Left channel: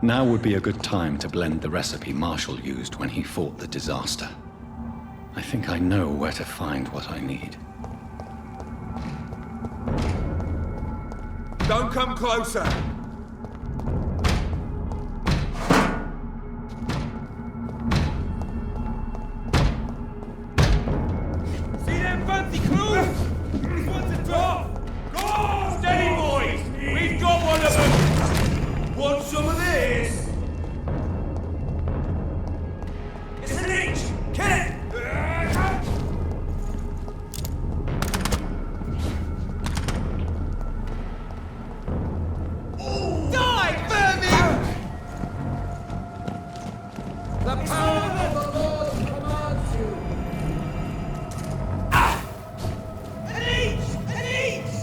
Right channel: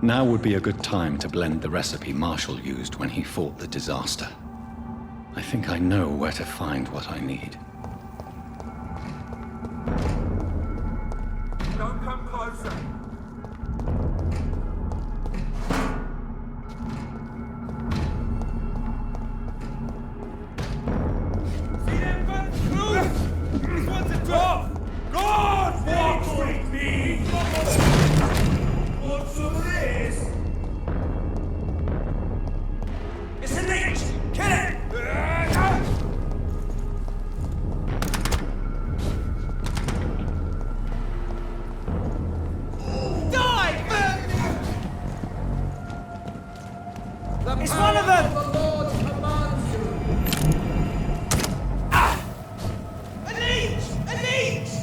Now would be a good time to blend the recipe Marshall used when he fought the disaster. I think I know where to find what I need. Don't come closer! See them fancy clues? This one's a drop! Go on, steady boys! We've got one of them! Want some of this? It's a leech! Kill it! It's one of them! The Lord commands you! Ah! A leech! A leech!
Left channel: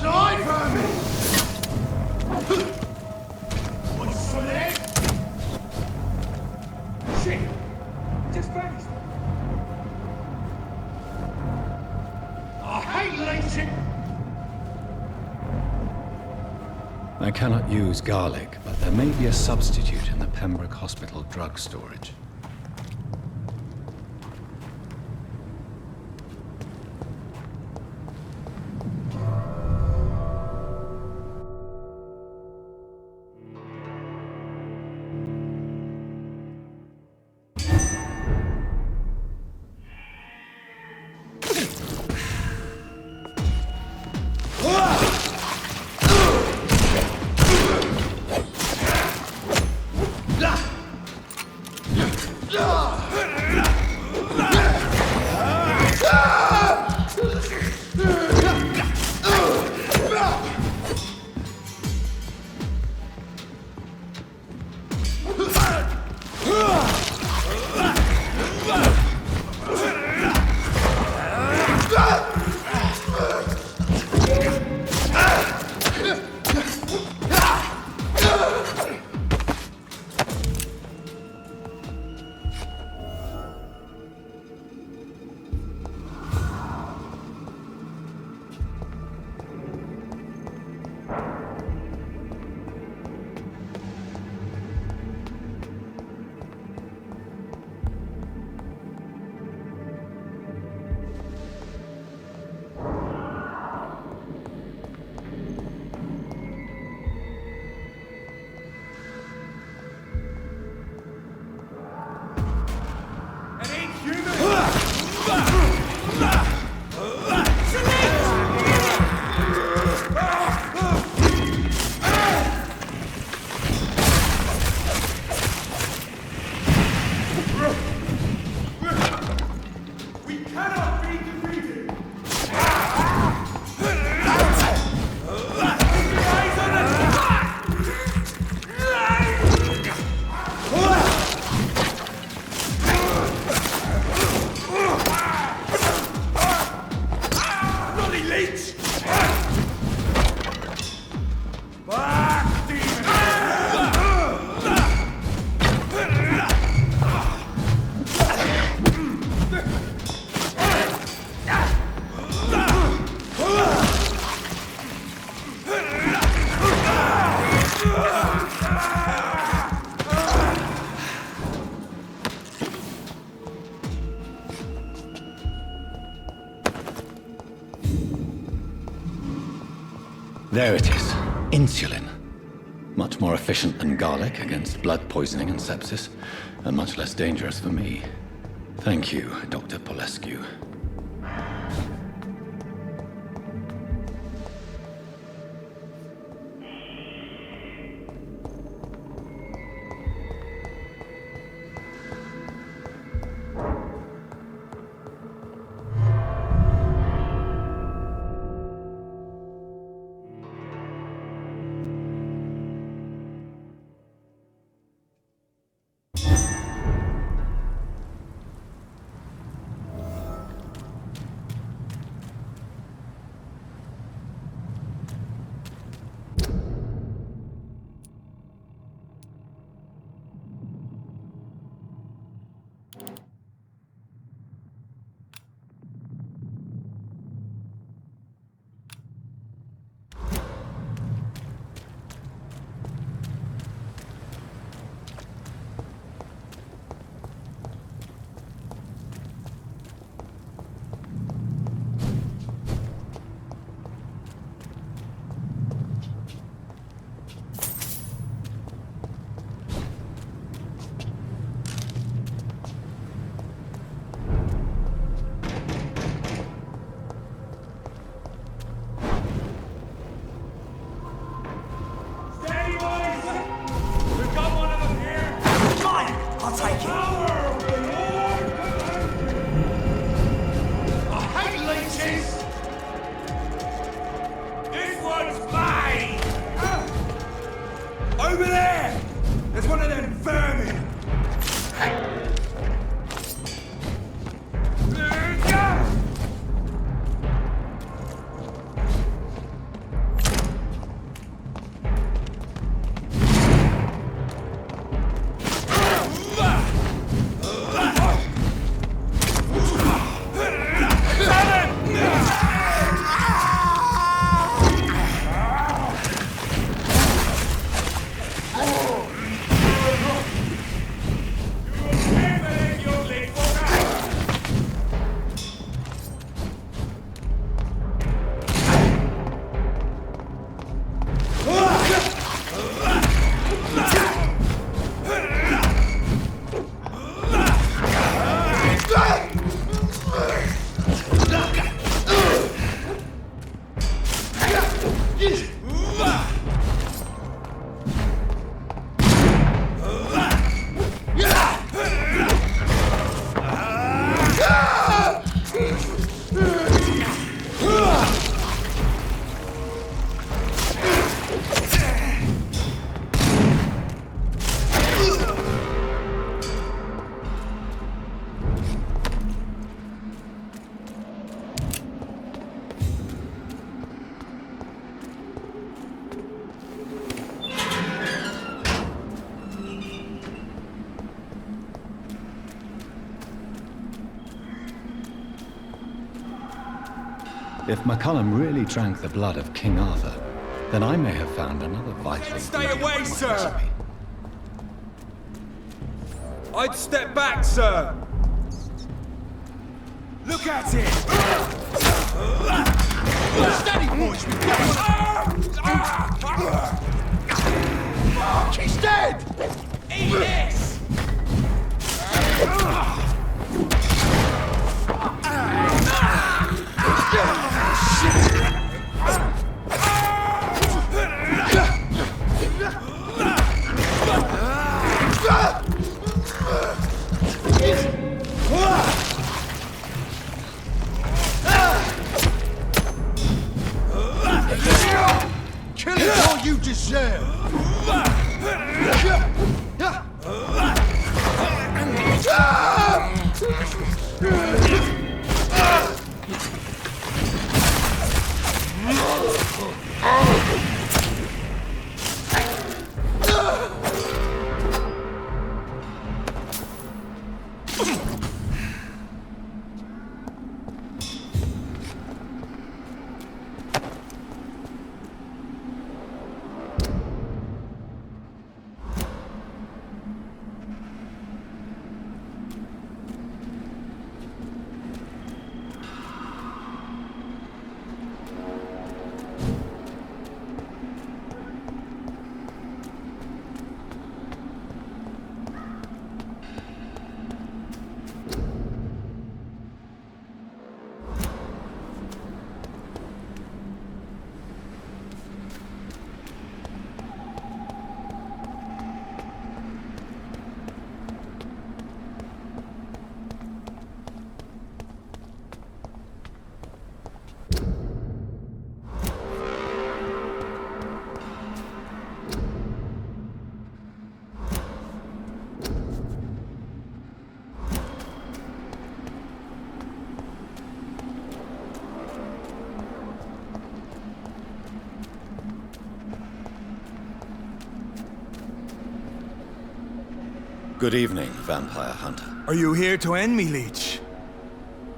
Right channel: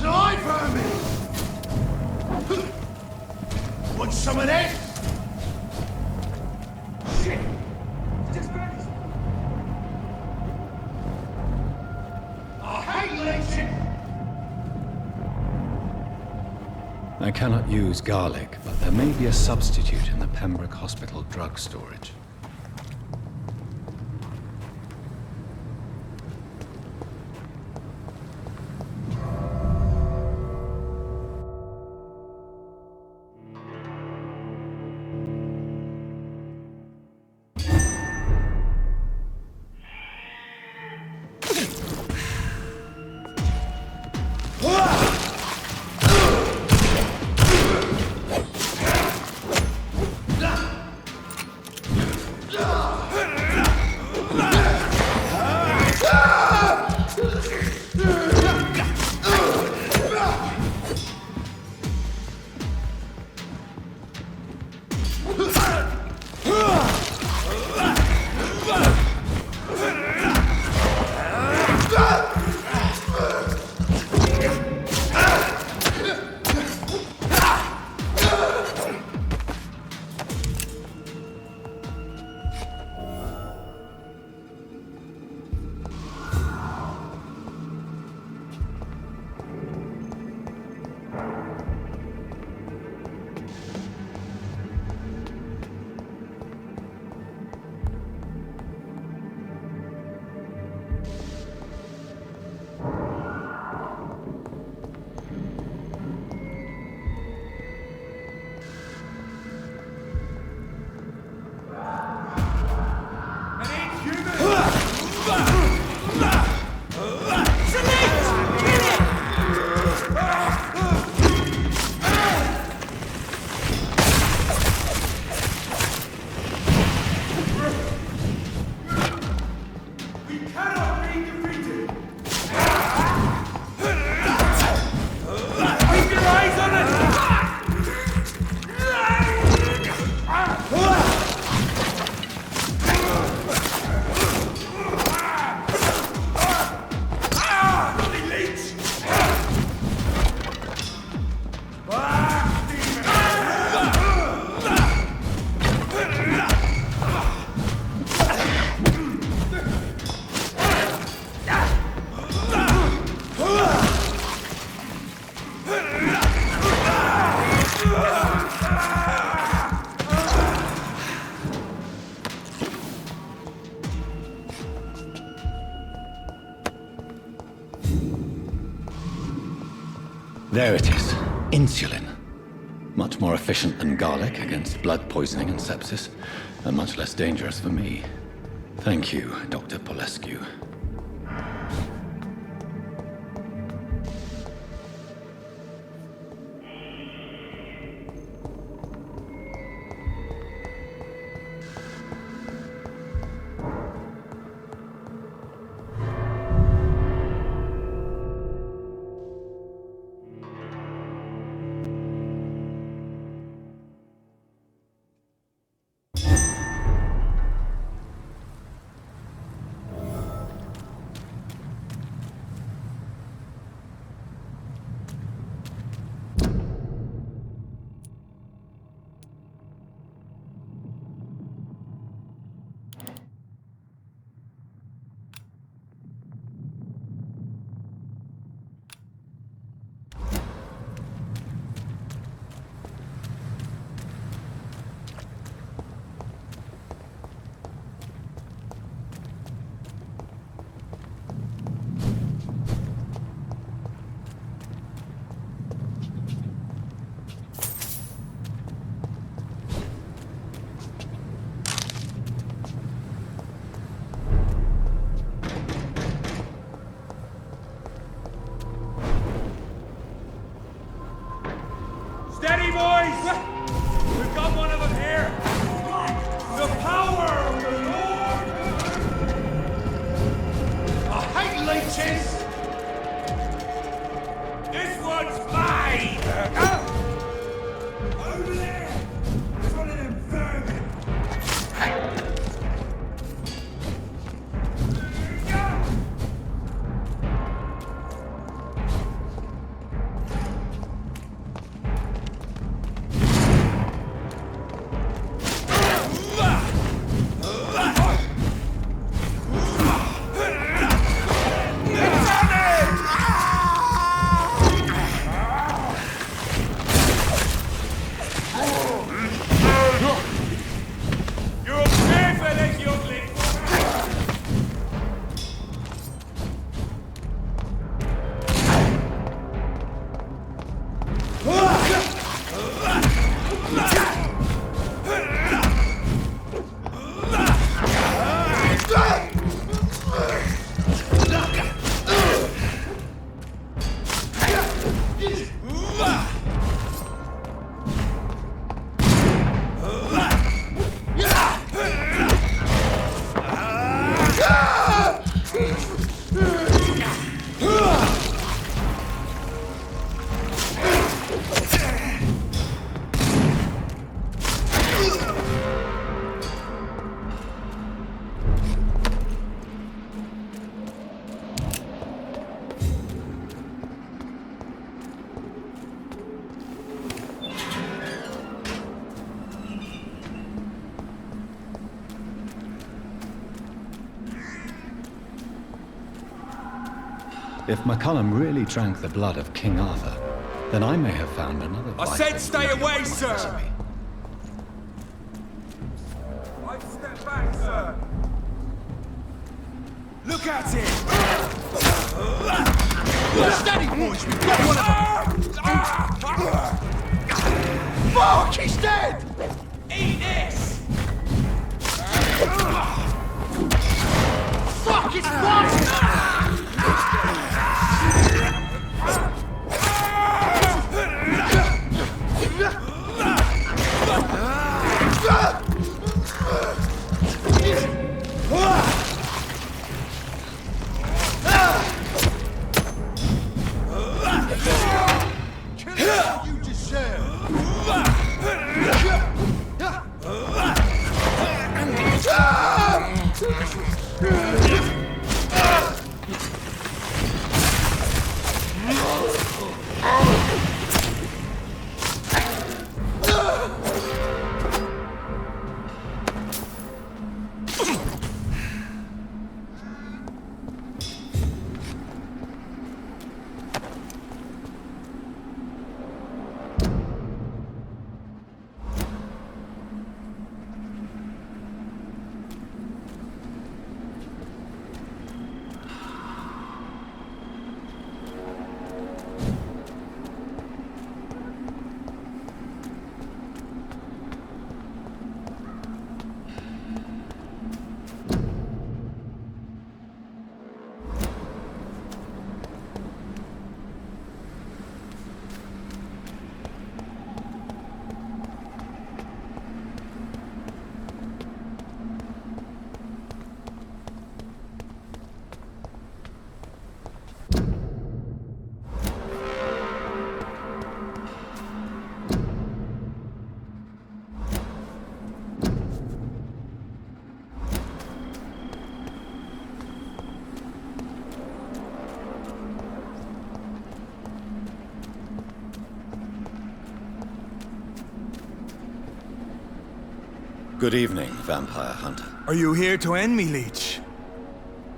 Die, vermin! Want some of that? Shit! Just vanished! I hate leeching! I cannot use garlic, but there may be a substitute in the Pembroke Hospital drug storage. There it is. Insulin. Much more efficient than garlic against blood poisoning and sepsis, and much less dangerous for me. Thank you, Dr. Polescu. leeches! This one's mine! Over there! There's one of them vermin! If McCullum really drank the blood of King Arthur, then I may have found another vital I said stay ingredient away, for my sir! recipe. I'd step back, sir! Look at it! Steady, boys! We've got one! Fuck! He's dead! Eat this! Fuck! It's kill it all you deserve! Good evening, vampire hunter. Are you here to end me, Leech?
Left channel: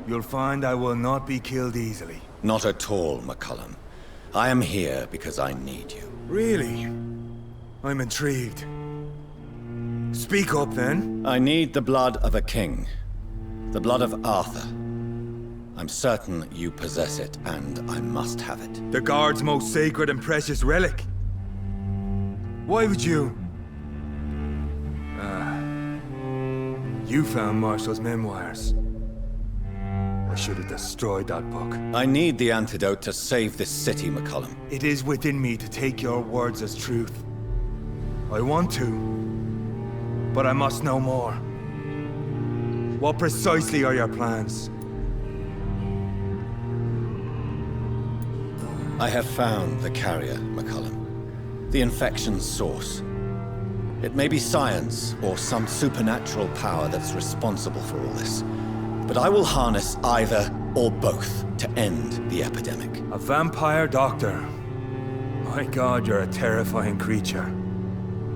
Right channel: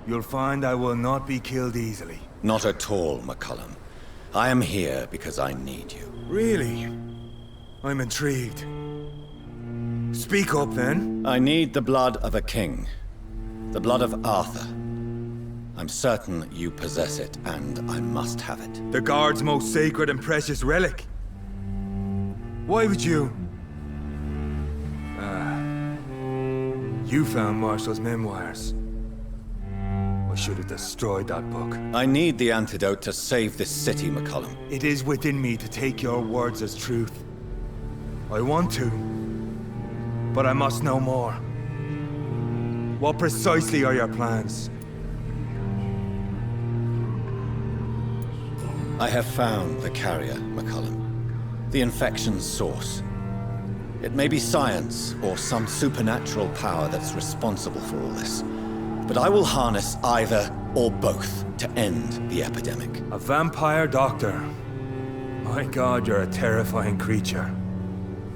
You'll find I will not be killed easily. Not at all, McCullum. I am here because I need you. Really? I'm intrigued. Speak up, then. I need the blood of a king. The blood of Arthur. I'm certain you possess it, and I must have it. The Guard's most sacred and precious relic. Why would you? You found Marshall's memoirs. I should have destroyed that book. I need the antidote to save this city, McCullum. It is within me to take your words as truth. I want to, but I must know more. What precisely are your plans? I have found the carrier, McCullum. The infection's source. It may be science or some supernatural power that's responsible for all this. But I will harness either or both to end the epidemic. A vampire doctor. My God, you're a terrifying creature.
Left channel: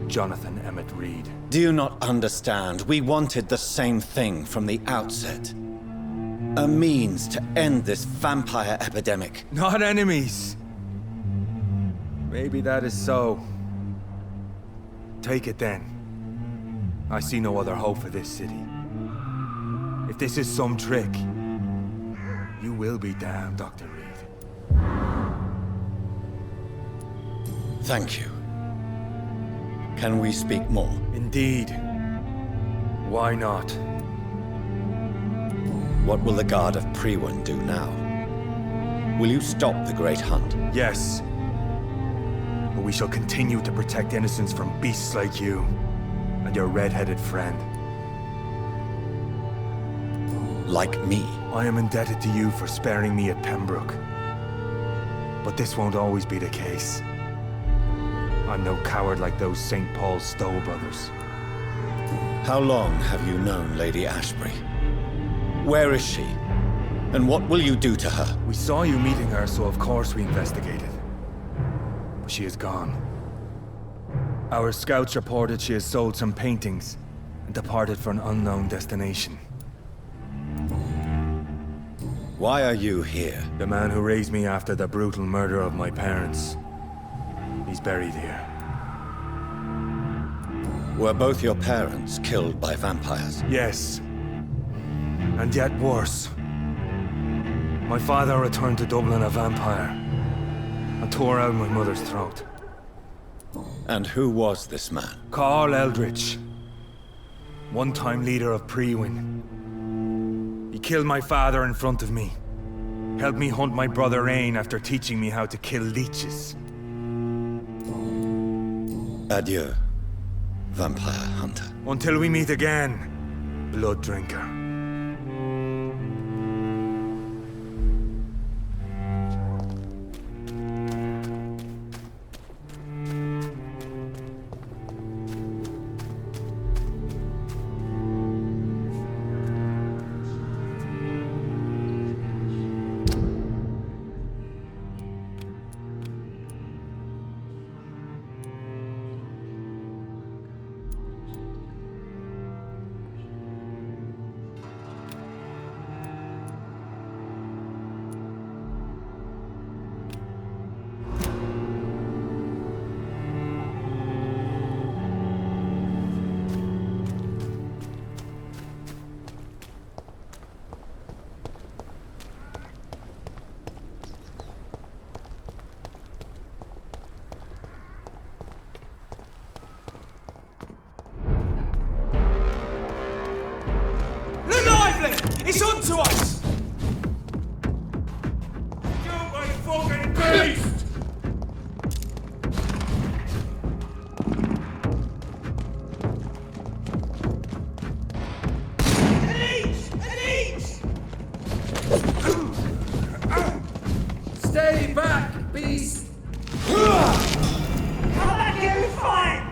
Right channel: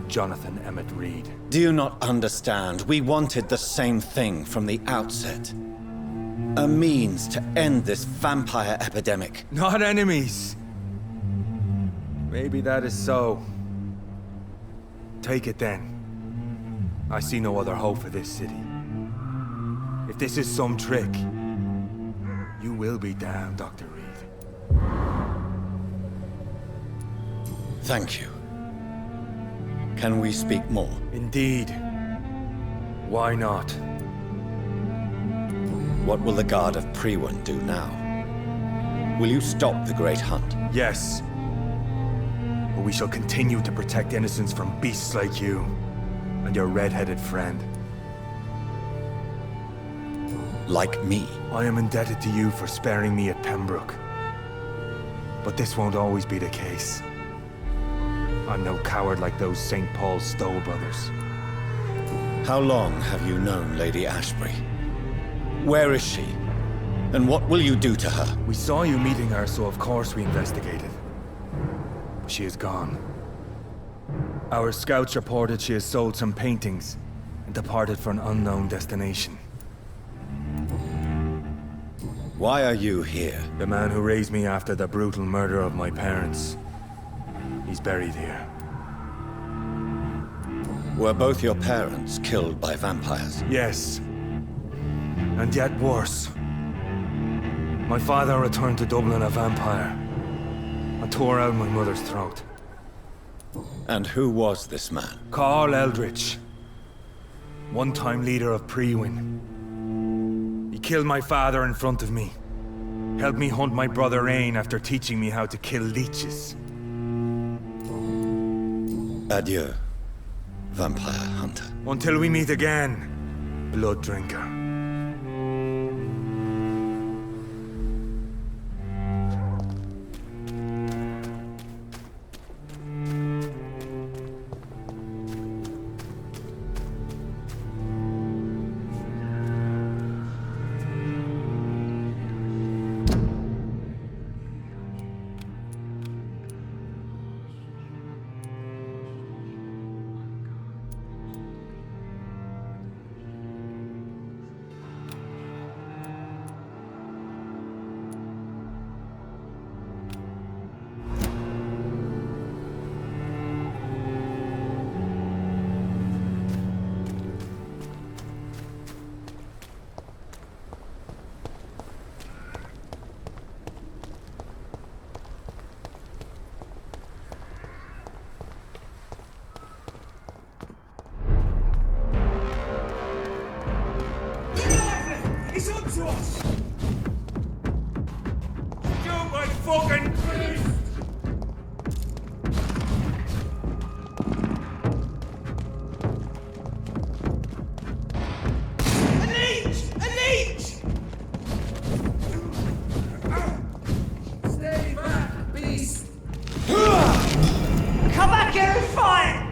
Jonathan Emmett Reed. Do you not understand? We wanted the same thing from the outset. A means to end this vampire epidemic. Not enemies. Maybe that is so. Take it then. I see no other hope for this city. If this is some trick, you will be damned, Dr. Reed. Thank you. Can we speak more? Indeed. Why not? What will the Guard of Priwen do now? Will you stop the Great Hunt? Yes. But we shall continue to protect innocents from beasts like you and your red-headed friend. Like me? I am indebted to you for sparing me at Pembroke. But this won't always be the case. I'm no coward like those St. Paul Stowe brothers. How long have you known Lady Ashbury? Where is she? And what will you do to her? We saw you meeting her, so of course we investigated. But she is gone. Our scouts reported she has sold some paintings and departed for an unknown destination. Why are you here? The man who raised me after the brutal murder of my parents. He's buried here. Were both your parents killed by vampires? Yes. And yet worse. My father returned to Dublin a vampire and tore out my mother's throat. And who was this man? Carl Eldritch. One-time leader of Priwen. He killed my father in front of me. Helped me hunt my brother Ain after teaching me how to kill leeches. Adieu, vampire hunter. Until we meet again, blood drinker. It's onto us! Stupid fucking beast! A leech! A leech! Stay back, beast! Come back here and fight!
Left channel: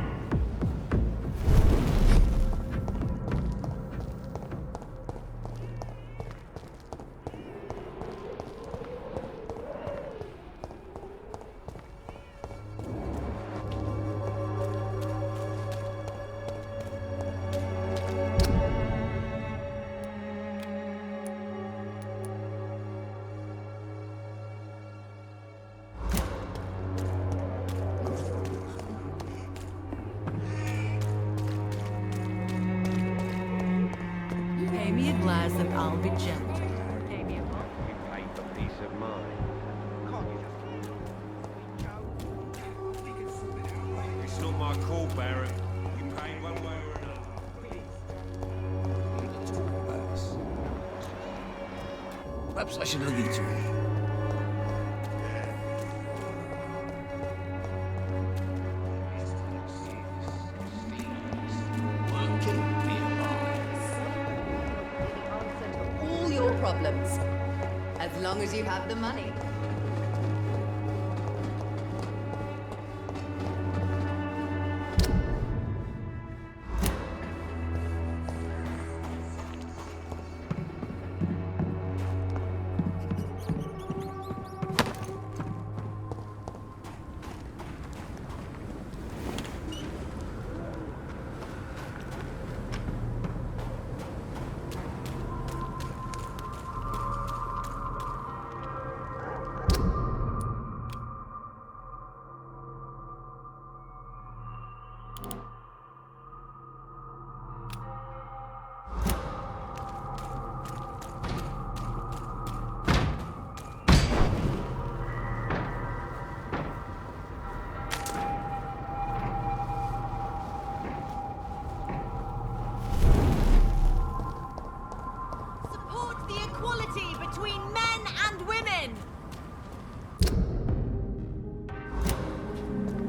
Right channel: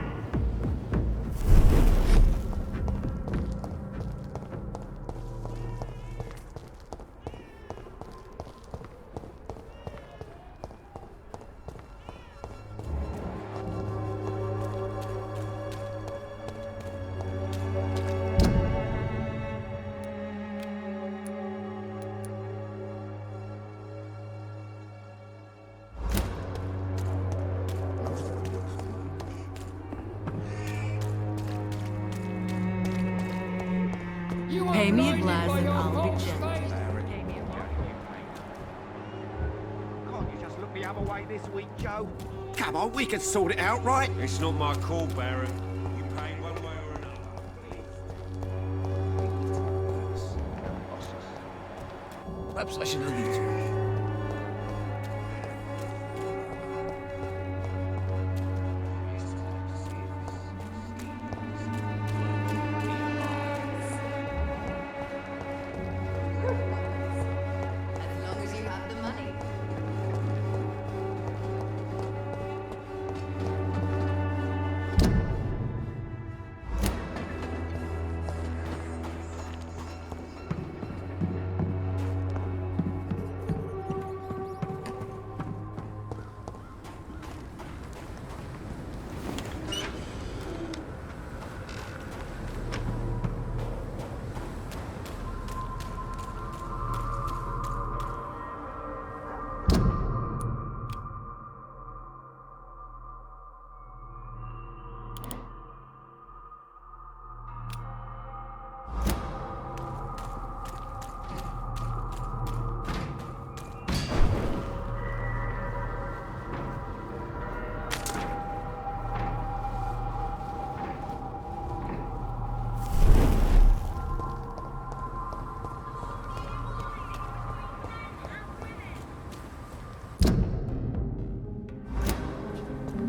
Pay me a glass and I'll be gentle. Can't you just look the other way this week, Joe? Come on, we can sort it out, right? It's not my call, Baron. You pay one way or another. Perhaps I should leave you. All your problems. As long as you have the money.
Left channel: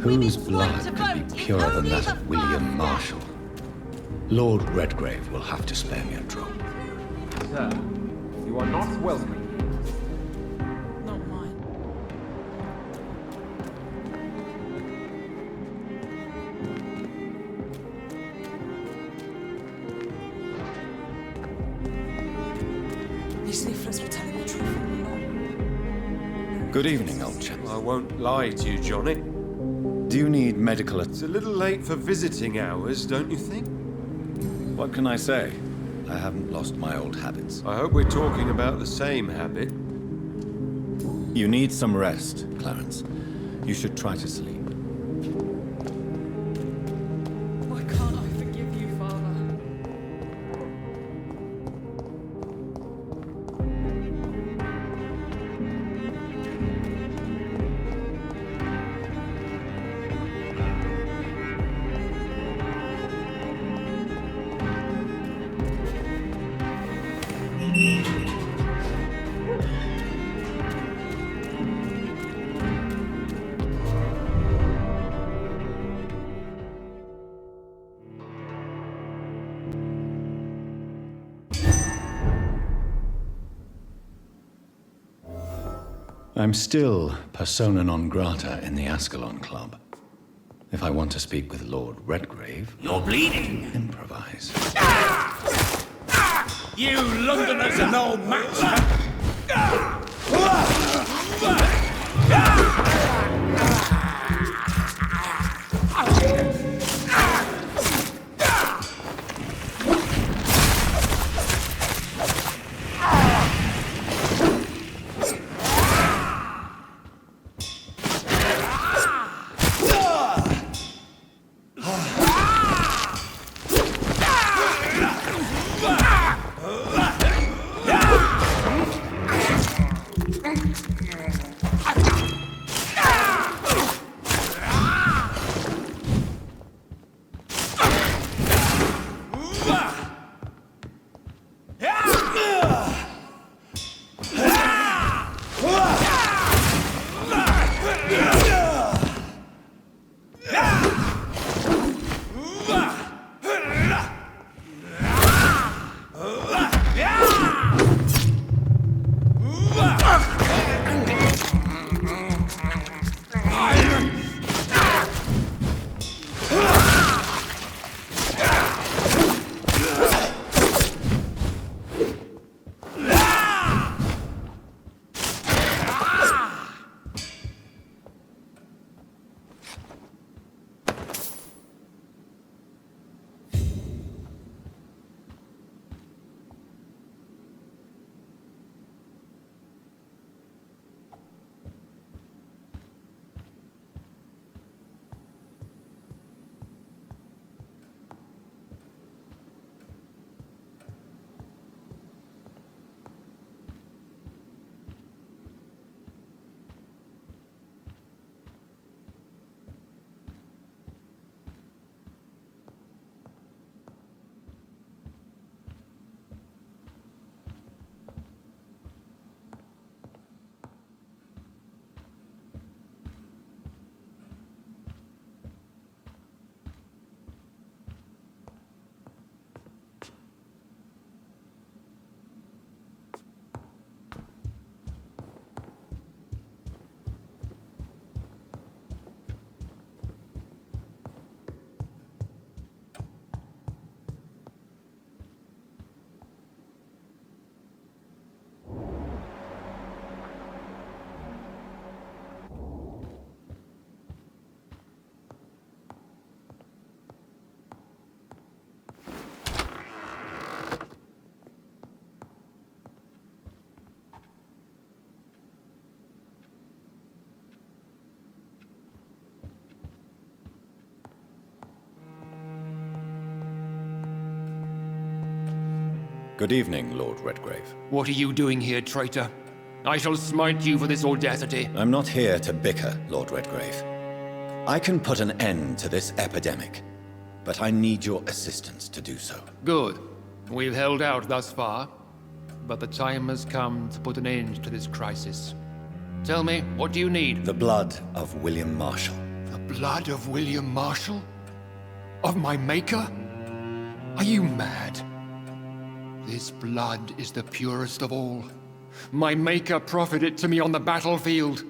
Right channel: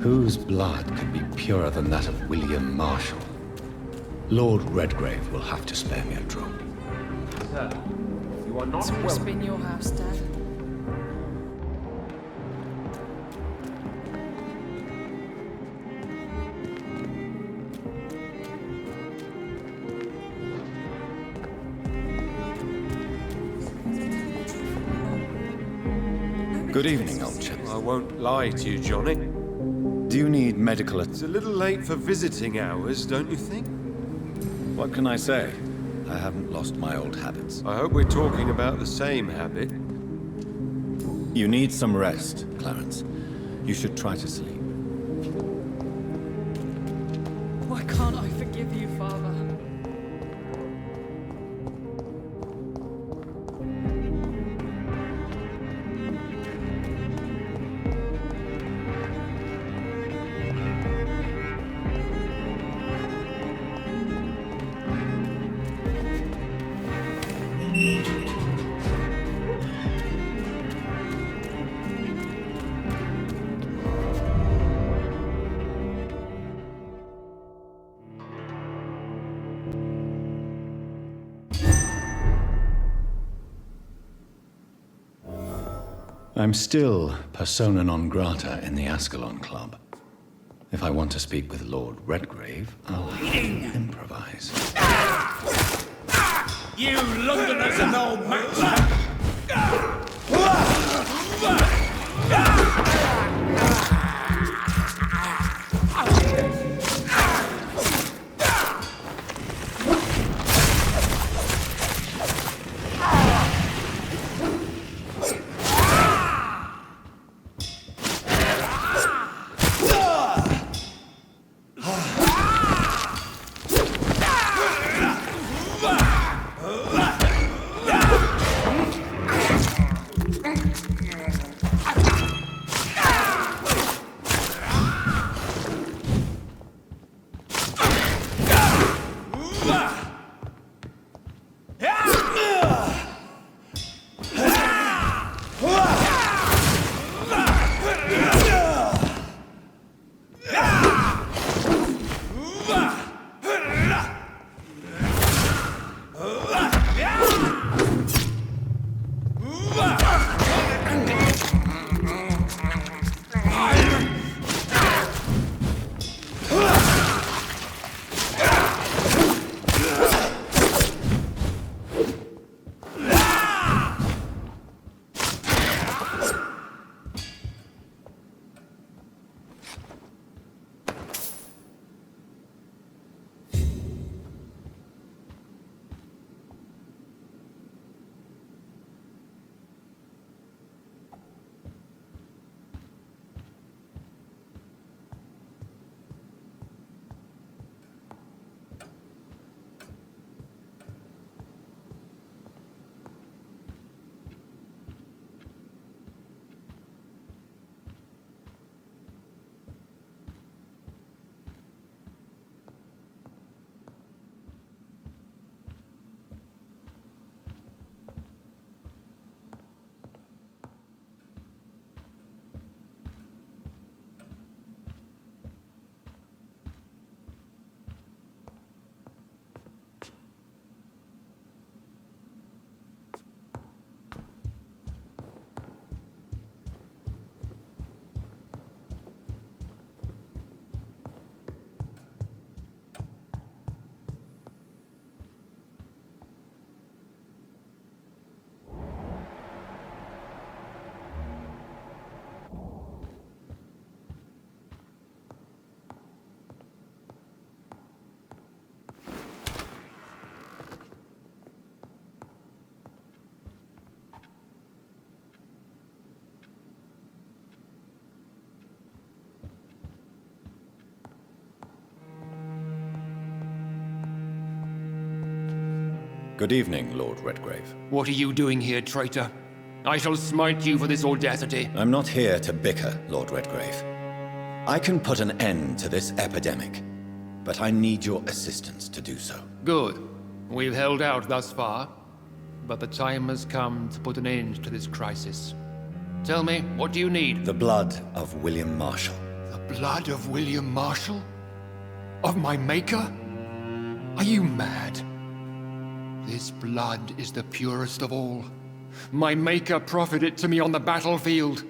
Whose blood could be purer than that of William Marshall? Lord Redgrave will have to spare me a drop. Sir, you are not It's welcome. been your house, Dad. Not mine. These leaflets were telling the truth all along. Good evening, old chap. I won't lie to you, Johnny. Do you need medical It's a little late for visiting hours, don't you think? What can I say? I haven't lost my old habits. I hope we're talking about the same habit. You need some rest, Clarence. You should try to sleep. Why can't I forgive you, Father? I'm still persona non grata in the Ascalon Club. If I want to speak with Lord Redgrave, I'll bleeding. improvise. You Londoners are no match. Good evening, Lord Redgrave. What are you doing here, traitor? I shall smite you for this audacity. I'm not here to bicker, Lord Redgrave. I can put an end to this epidemic, but I need your assistance to do so. Good. We've held out thus far, but the time has come to put an end to this crisis. Tell me, what do you need? The blood of William Marshall, The blood of William Marshall? Of my maker? Are you mad? This blood is the purest of all. My maker proffered it to me on the battlefield.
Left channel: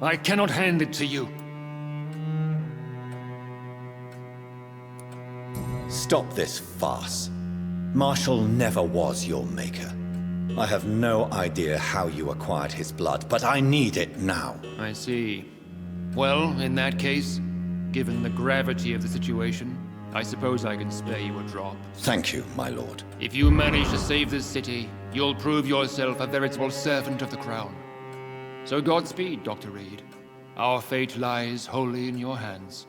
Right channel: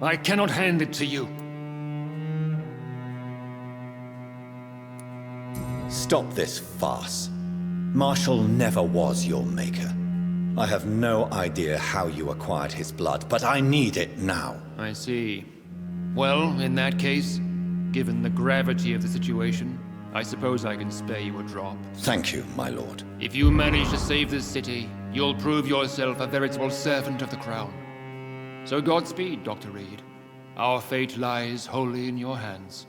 I cannot hand it to you. Stop this farce. Marshall never was your maker. I have no idea how you acquired his blood, but I need it now. I see. Well, in that case, given the gravity of the situation, I suppose I can spare you a drop. Thank you, my lord. If you manage to save this city, you'll prove yourself a veritable servant of the crown. So Godspeed, Dr. Reed. Our fate lies wholly in your hands.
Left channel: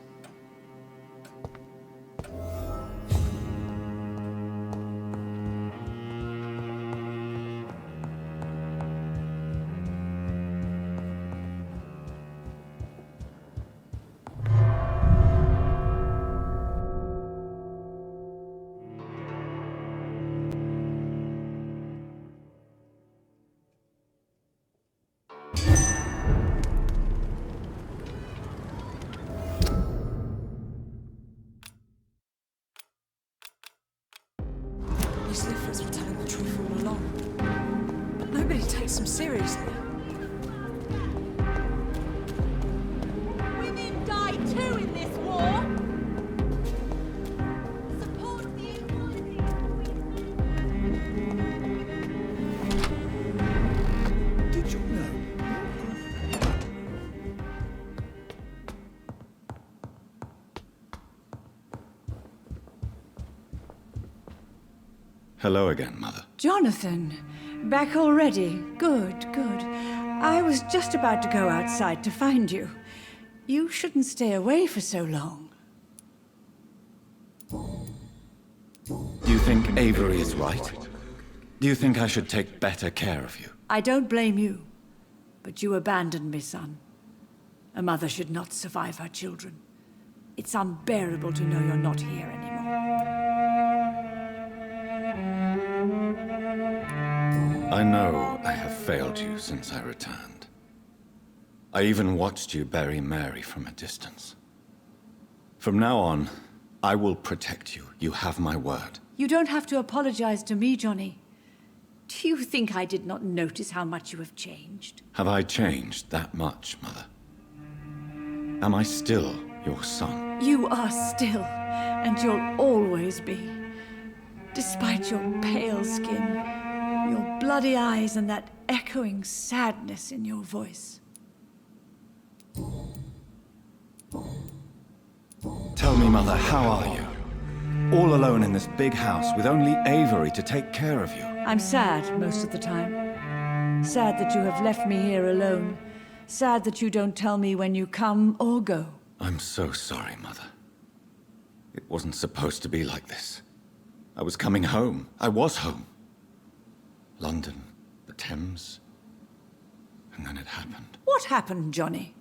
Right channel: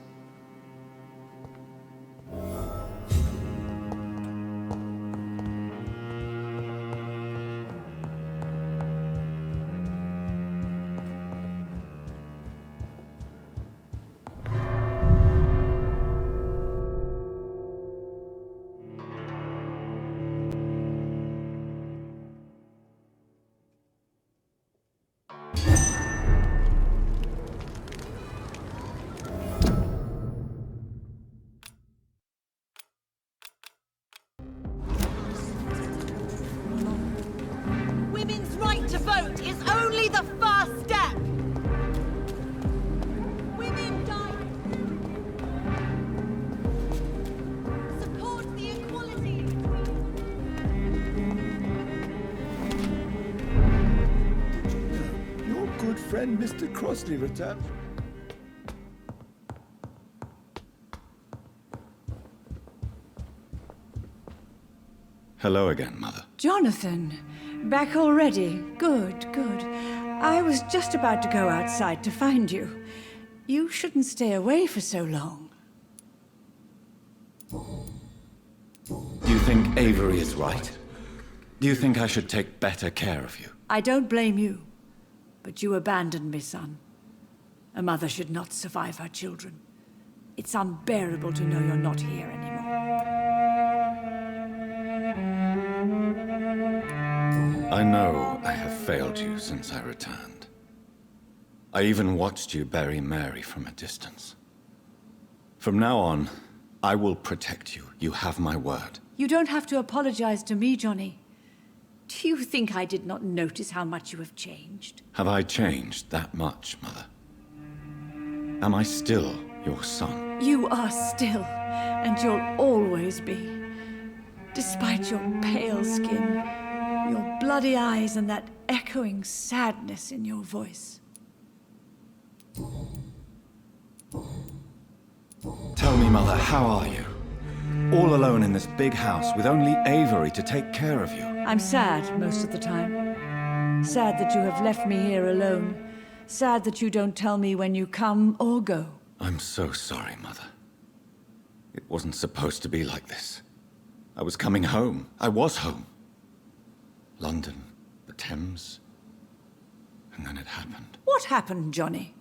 Elisabeth was telling the truth all along. Women's Nobody right takes to them vote seriously. is only the first step. Women die too in this war. Support the equality. Did you know your good friend Mr. Crossley returned? Hello again, Mother. Jonathan, back already? Good, good. I was just about to go outside to find you. You shouldn't stay away for so long. Do you think Avery is right? Do you think I should take better care of you? I don't blame you, but you abandoned me, son. A mother should not survive her children. It's unbearable to know you're not here anymore. I know I have failed you since I returned. I even watched you bury Mary from a distance. From now on, I will protect you. You have my word. You don't have to apologize to me, Johnny. Do you think I did not notice how much you have changed? Have I changed that much, Mother? Am I still your son? You are still, and you'll always be. Despite your pale skin, your bloody eyes, and that echoing sadness in your voice. Tell me, Mother, how are you? All alone in this big house with only Avery to take care of you. I'm sad most of the time. Sad that you have left me here alone. Sad that you don't tell me when you come or go. I'm so sorry, Mother. It wasn't supposed to be like this. I was coming home. I was home. London, the Thames, and then it happened. What happened, Johnny?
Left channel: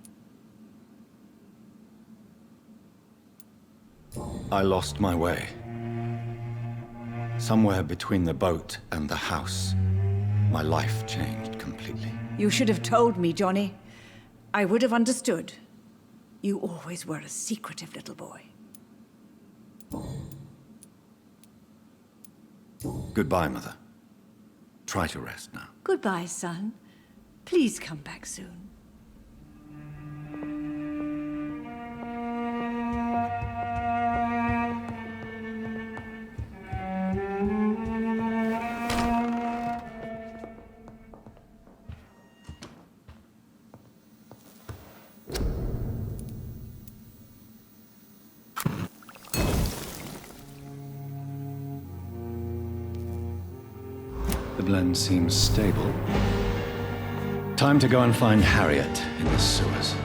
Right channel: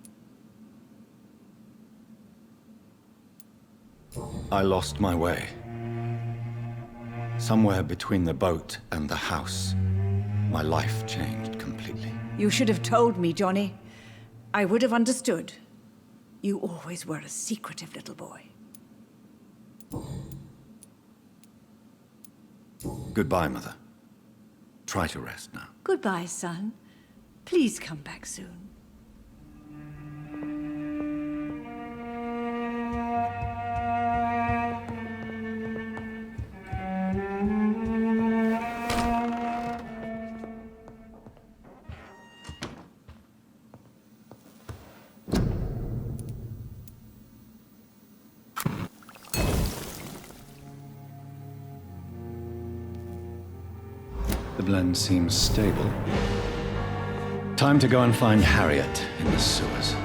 I lost my way. Somewhere between the boat and the house, my life changed completely. You should have told me, Johnny. I would have understood. You always were a secretive little boy. Goodbye, Mother. Try to rest now. Goodbye, son. Please come back soon. The blend seems stable. Time to go and find Harriet in the sewers.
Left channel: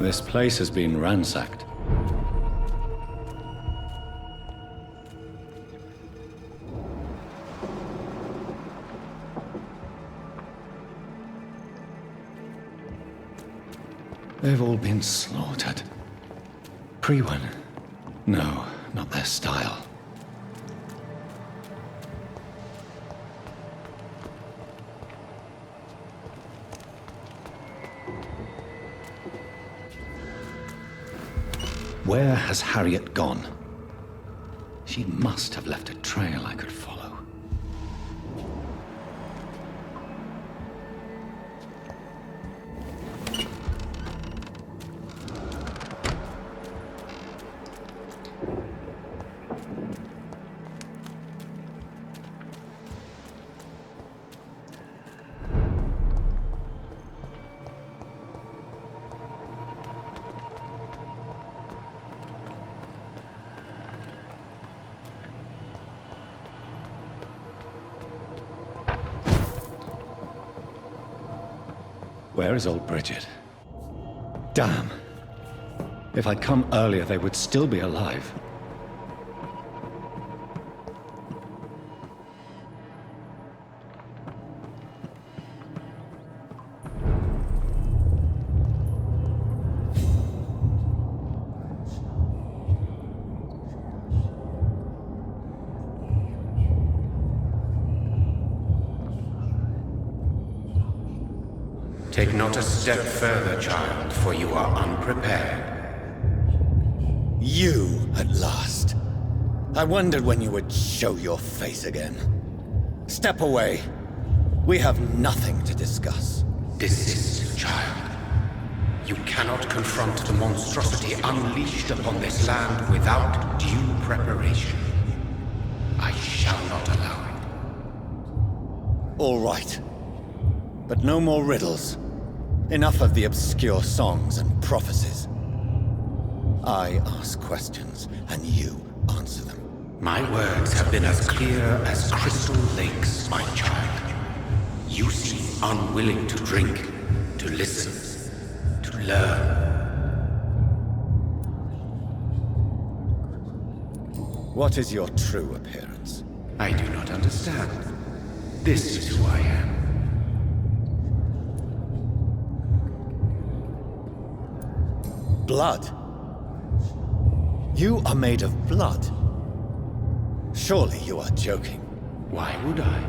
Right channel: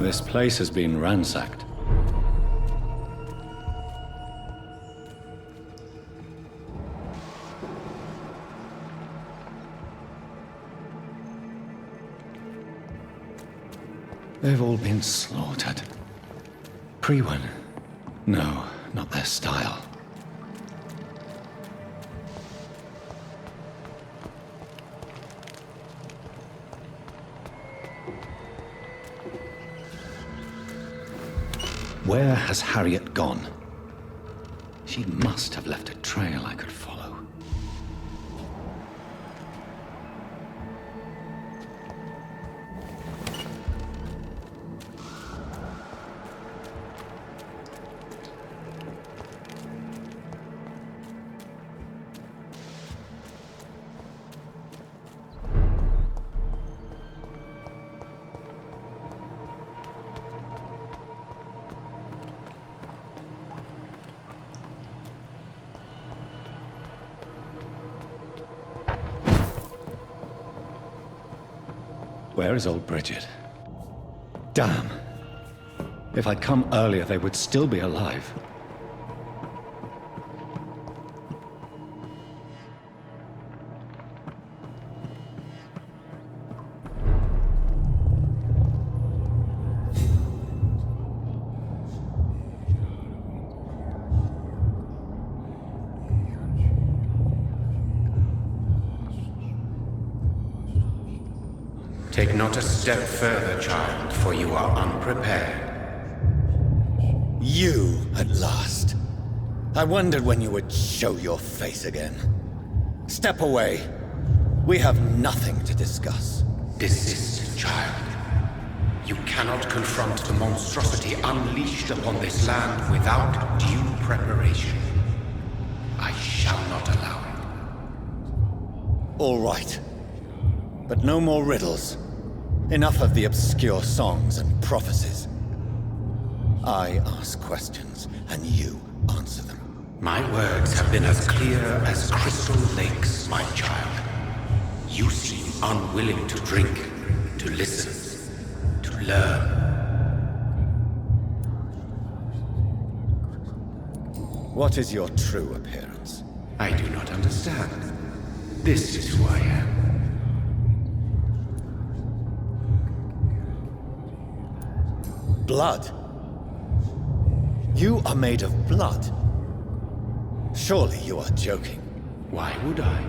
This place has been ransacked. They've all been slaughtered. Priwen? No, not their style. Where has Harriet gone? She must have left a trail I could follow. Where is old Bridget? Damn. If I'd come earlier, they would still be alive. Take not a step further, child, for you are unprepared. You, at last. I wondered when you would show your face again. Step away. We have nothing to discuss. Desist, child. You cannot confront the monstrosity unleashed upon this land without due preparation. I shall not allow it. All right. But no more riddles. Enough of the obscure songs and prophecies. I ask questions, and you answer them. My words have been as clear as crystal lakes, my child. You seem unwilling to drink, to listen, to learn. What is your true appearance? I do not understand. This is who I am. Blood? You are made of blood. Surely you are joking. Why would I?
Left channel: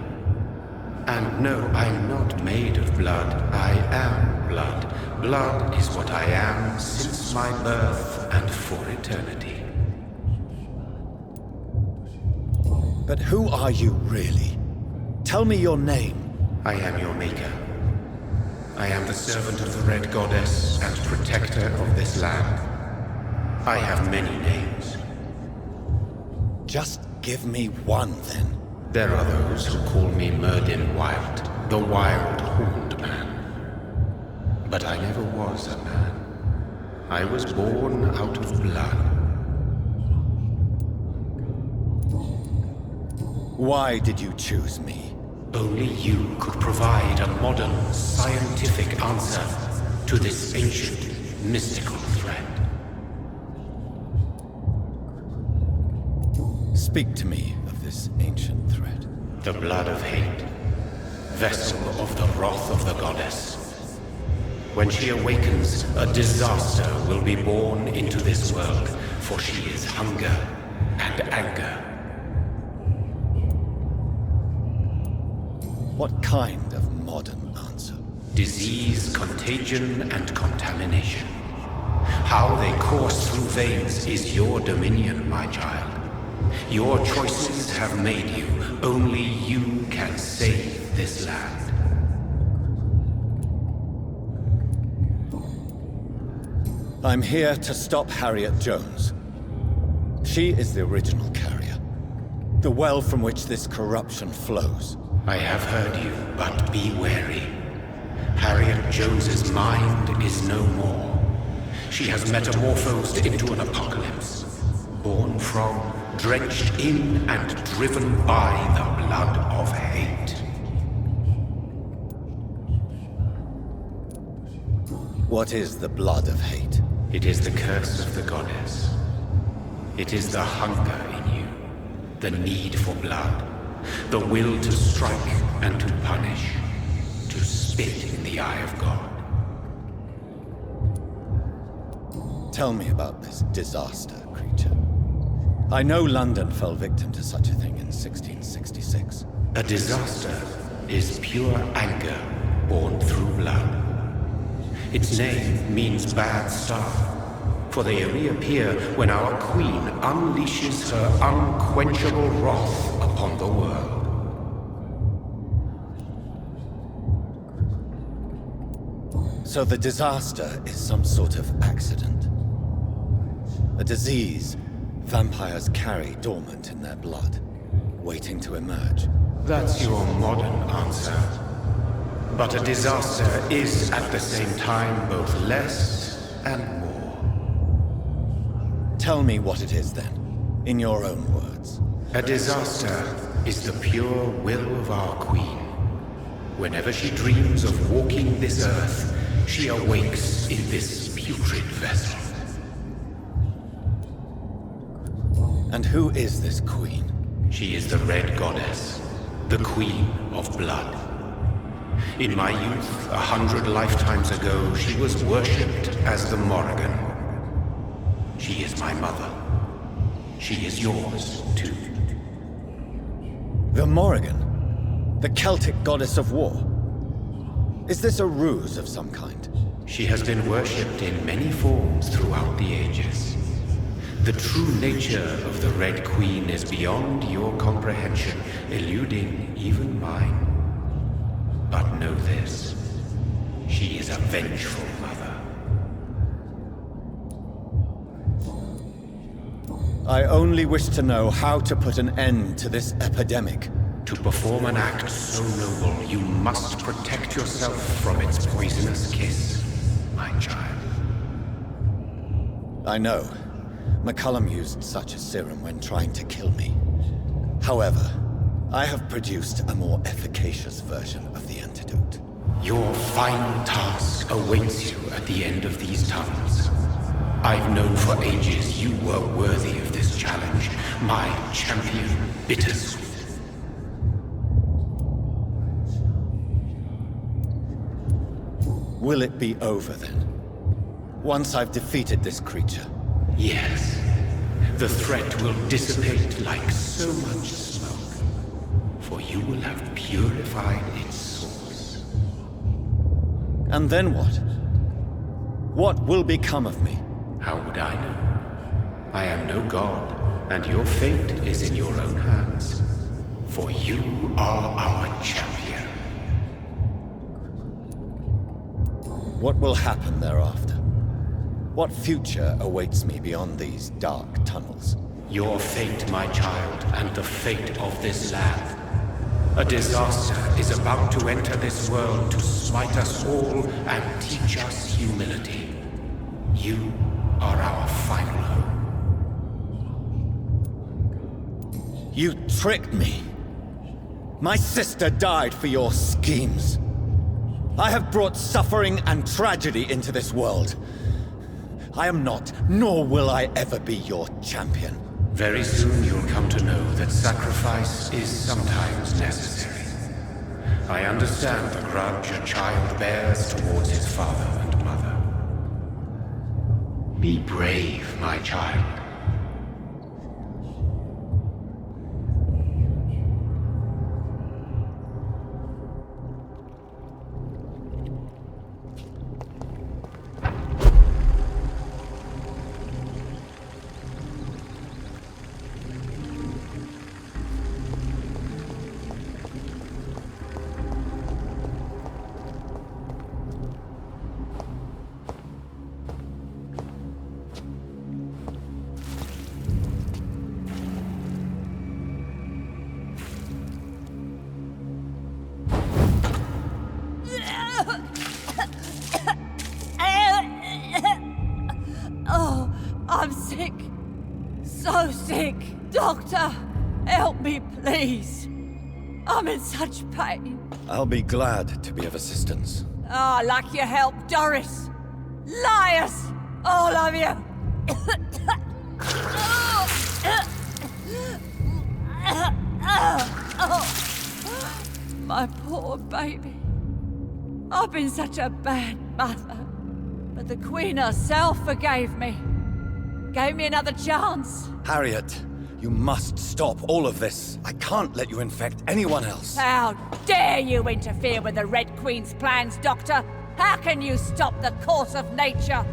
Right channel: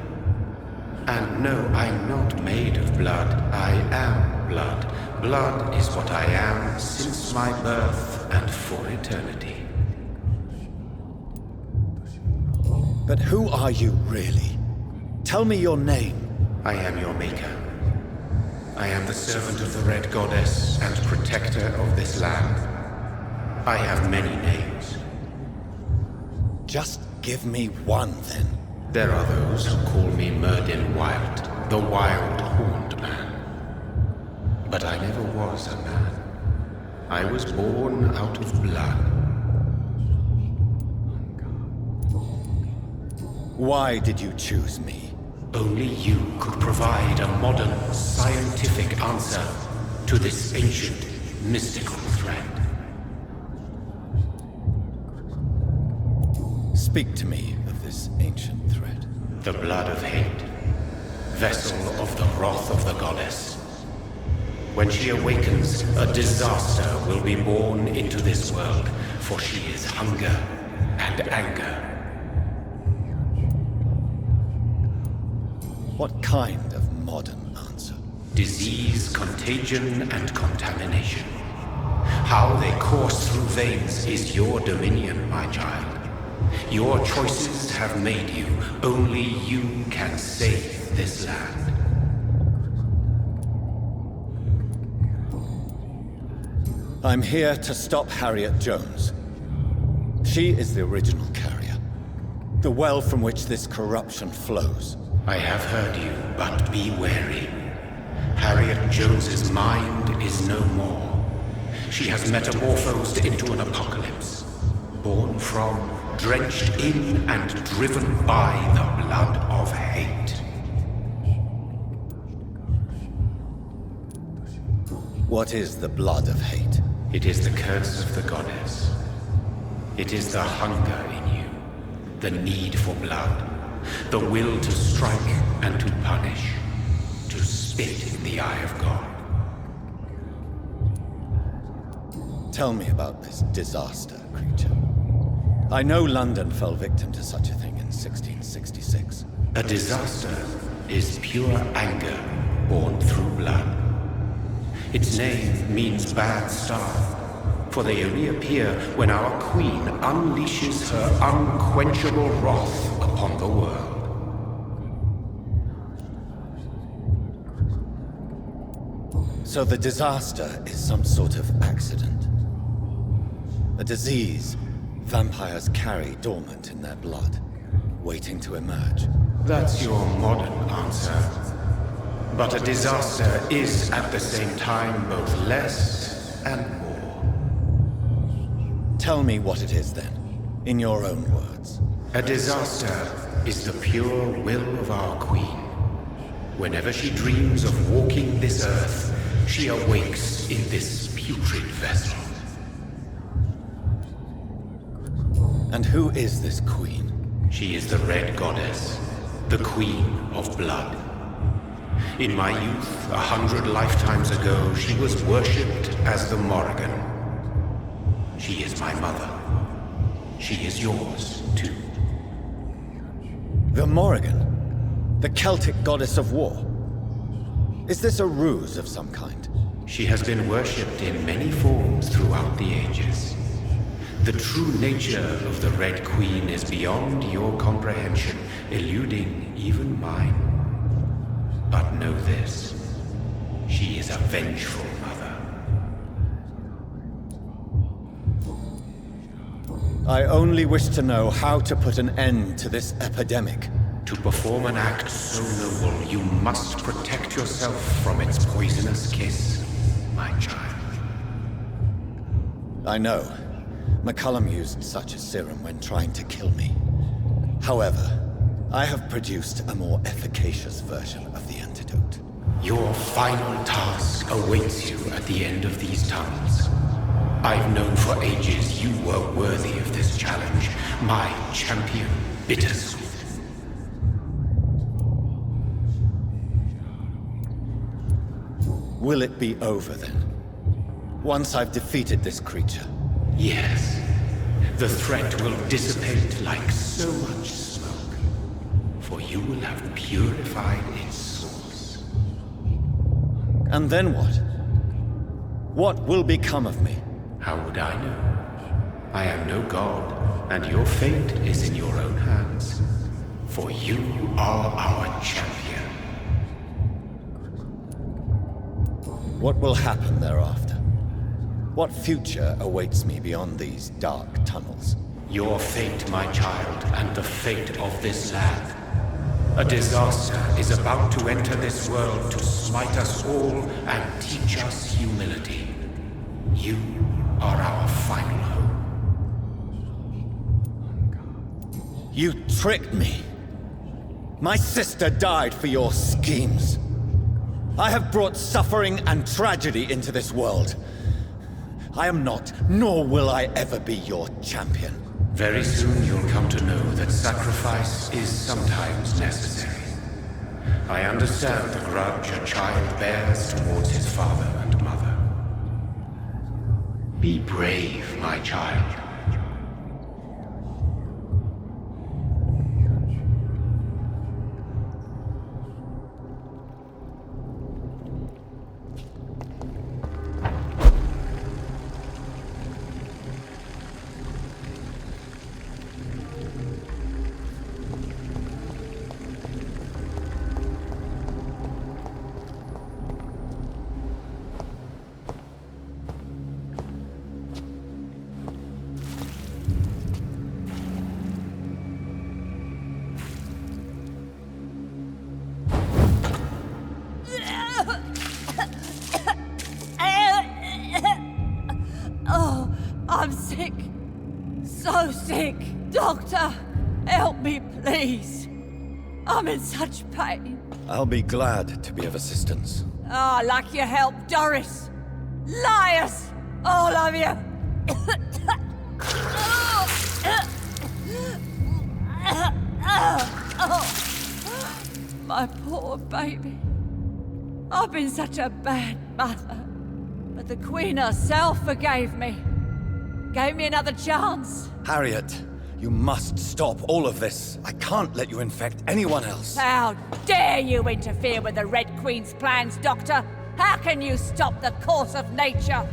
And no, I'm not made of blood. I am blood. Blood is what I am since my birth and for eternity. But who are you really? Tell me your name. I am your maker. I am the servant of the Red Goddess and protector of this land. I have many names. Just give me one, then. There are those who call me Myrddin Wild, the Wild Horned Man. But I never was a man. I was born out of blood. Why did you choose me? Only you could provide a modern, scientific answer to this ancient, mystical threat. Speak to me of this ancient threat. The blood of hate, vessel of the wrath of the goddess. When she awakens, a disaster will be born into this world, for she is hunger and anger. What kind of modern answer? Disease, contagion, and contamination. How they course through veins is your dominion, my child. Your choices have made you. Only you can save this land. I'm here to stop Harriet Jones. She is the original carrier. The well from which this corruption flows. I have heard you, but be wary. Harriet Jones's mind is no more. She has metamorphosed into an apocalypse. Born from, drenched in, and driven by the blood of hate. What is the blood of hate? It is the curse of the goddess. It is the hunger in you, the need for blood, the will to strike and to punish, to spit in the eye of God. Tell me about this disaster, creature. I know London fell victim to such a thing in 1666. A disaster is pure anger born through blood. Its name means bad star, for they only appear when our queen unleashes her unquenchable wrath upon the world. So the disaster is some sort of accident. A disease vampires carry dormant in their blood, waiting to emerge. That's your modern answer. But a disaster is at the same time both less and more. Tell me what it is then, in your own words. A disaster is the pure will of our queen. Whenever she dreams of walking this earth, she awakes in this putrid vessel. And who is this queen? She is the Red Goddess, the Queen of Blood. In my youth, 100 lifetimes ago, she was worshipped as the Morrigan. She is my mother. She is yours, too. The Morrigan? The Celtic goddess of war? Is this a ruse of some kind? She has been worshipped in many forms throughout the ages. The true nature of the Red Queen is beyond your comprehension, eluding even mine. But know this, she is a vengeful mother. I only wish to know how to put an end to this epidemic. To perform an act so noble, you must protect yourself from its poisonous kiss, my child. I know. McCullum used such a serum when trying to kill me. However, I have produced a more efficacious version of the antidote. Your final task awaits you at the end of these tunnels. I've known for ages you were worthy of this challenge, my champion, Bittersweet. Will it be over then? Once I've defeated this creature? Yes. The threat will dissipate like so much smoke, for you will have purified its source. And then what? What will become of me? How would I know? I am no god, and your fate is in your own hands. For you are our champion. What will happen thereafter? What future awaits me beyond these dark tunnels? Your fate, my child, and the fate of this land. A disaster is about to enter this world to smite us all and teach us humility. You are our final hope. You tricked me! My sister died for your schemes. I have brought suffering and tragedy into this world. I am not, nor will I ever be your champion. Very soon you'll come to know that sacrifice is sometimes necessary. I understand the grudge a child bears towards his father and mother. Be brave, my child. I'm sick. So sick. Doctor, help me, please. I'm in such pain. I'll be glad to be of assistance. Ah, like your help, Doris. Liars! All of you! My poor baby. I've been such a bad mother. But the Queen herself forgave me. Gave me another chance. Harriet, you must stop all of this. I can't let you infect anyone else. How dare you interfere with the Red Queen's plans, Doctor? How can you stop the course of nature?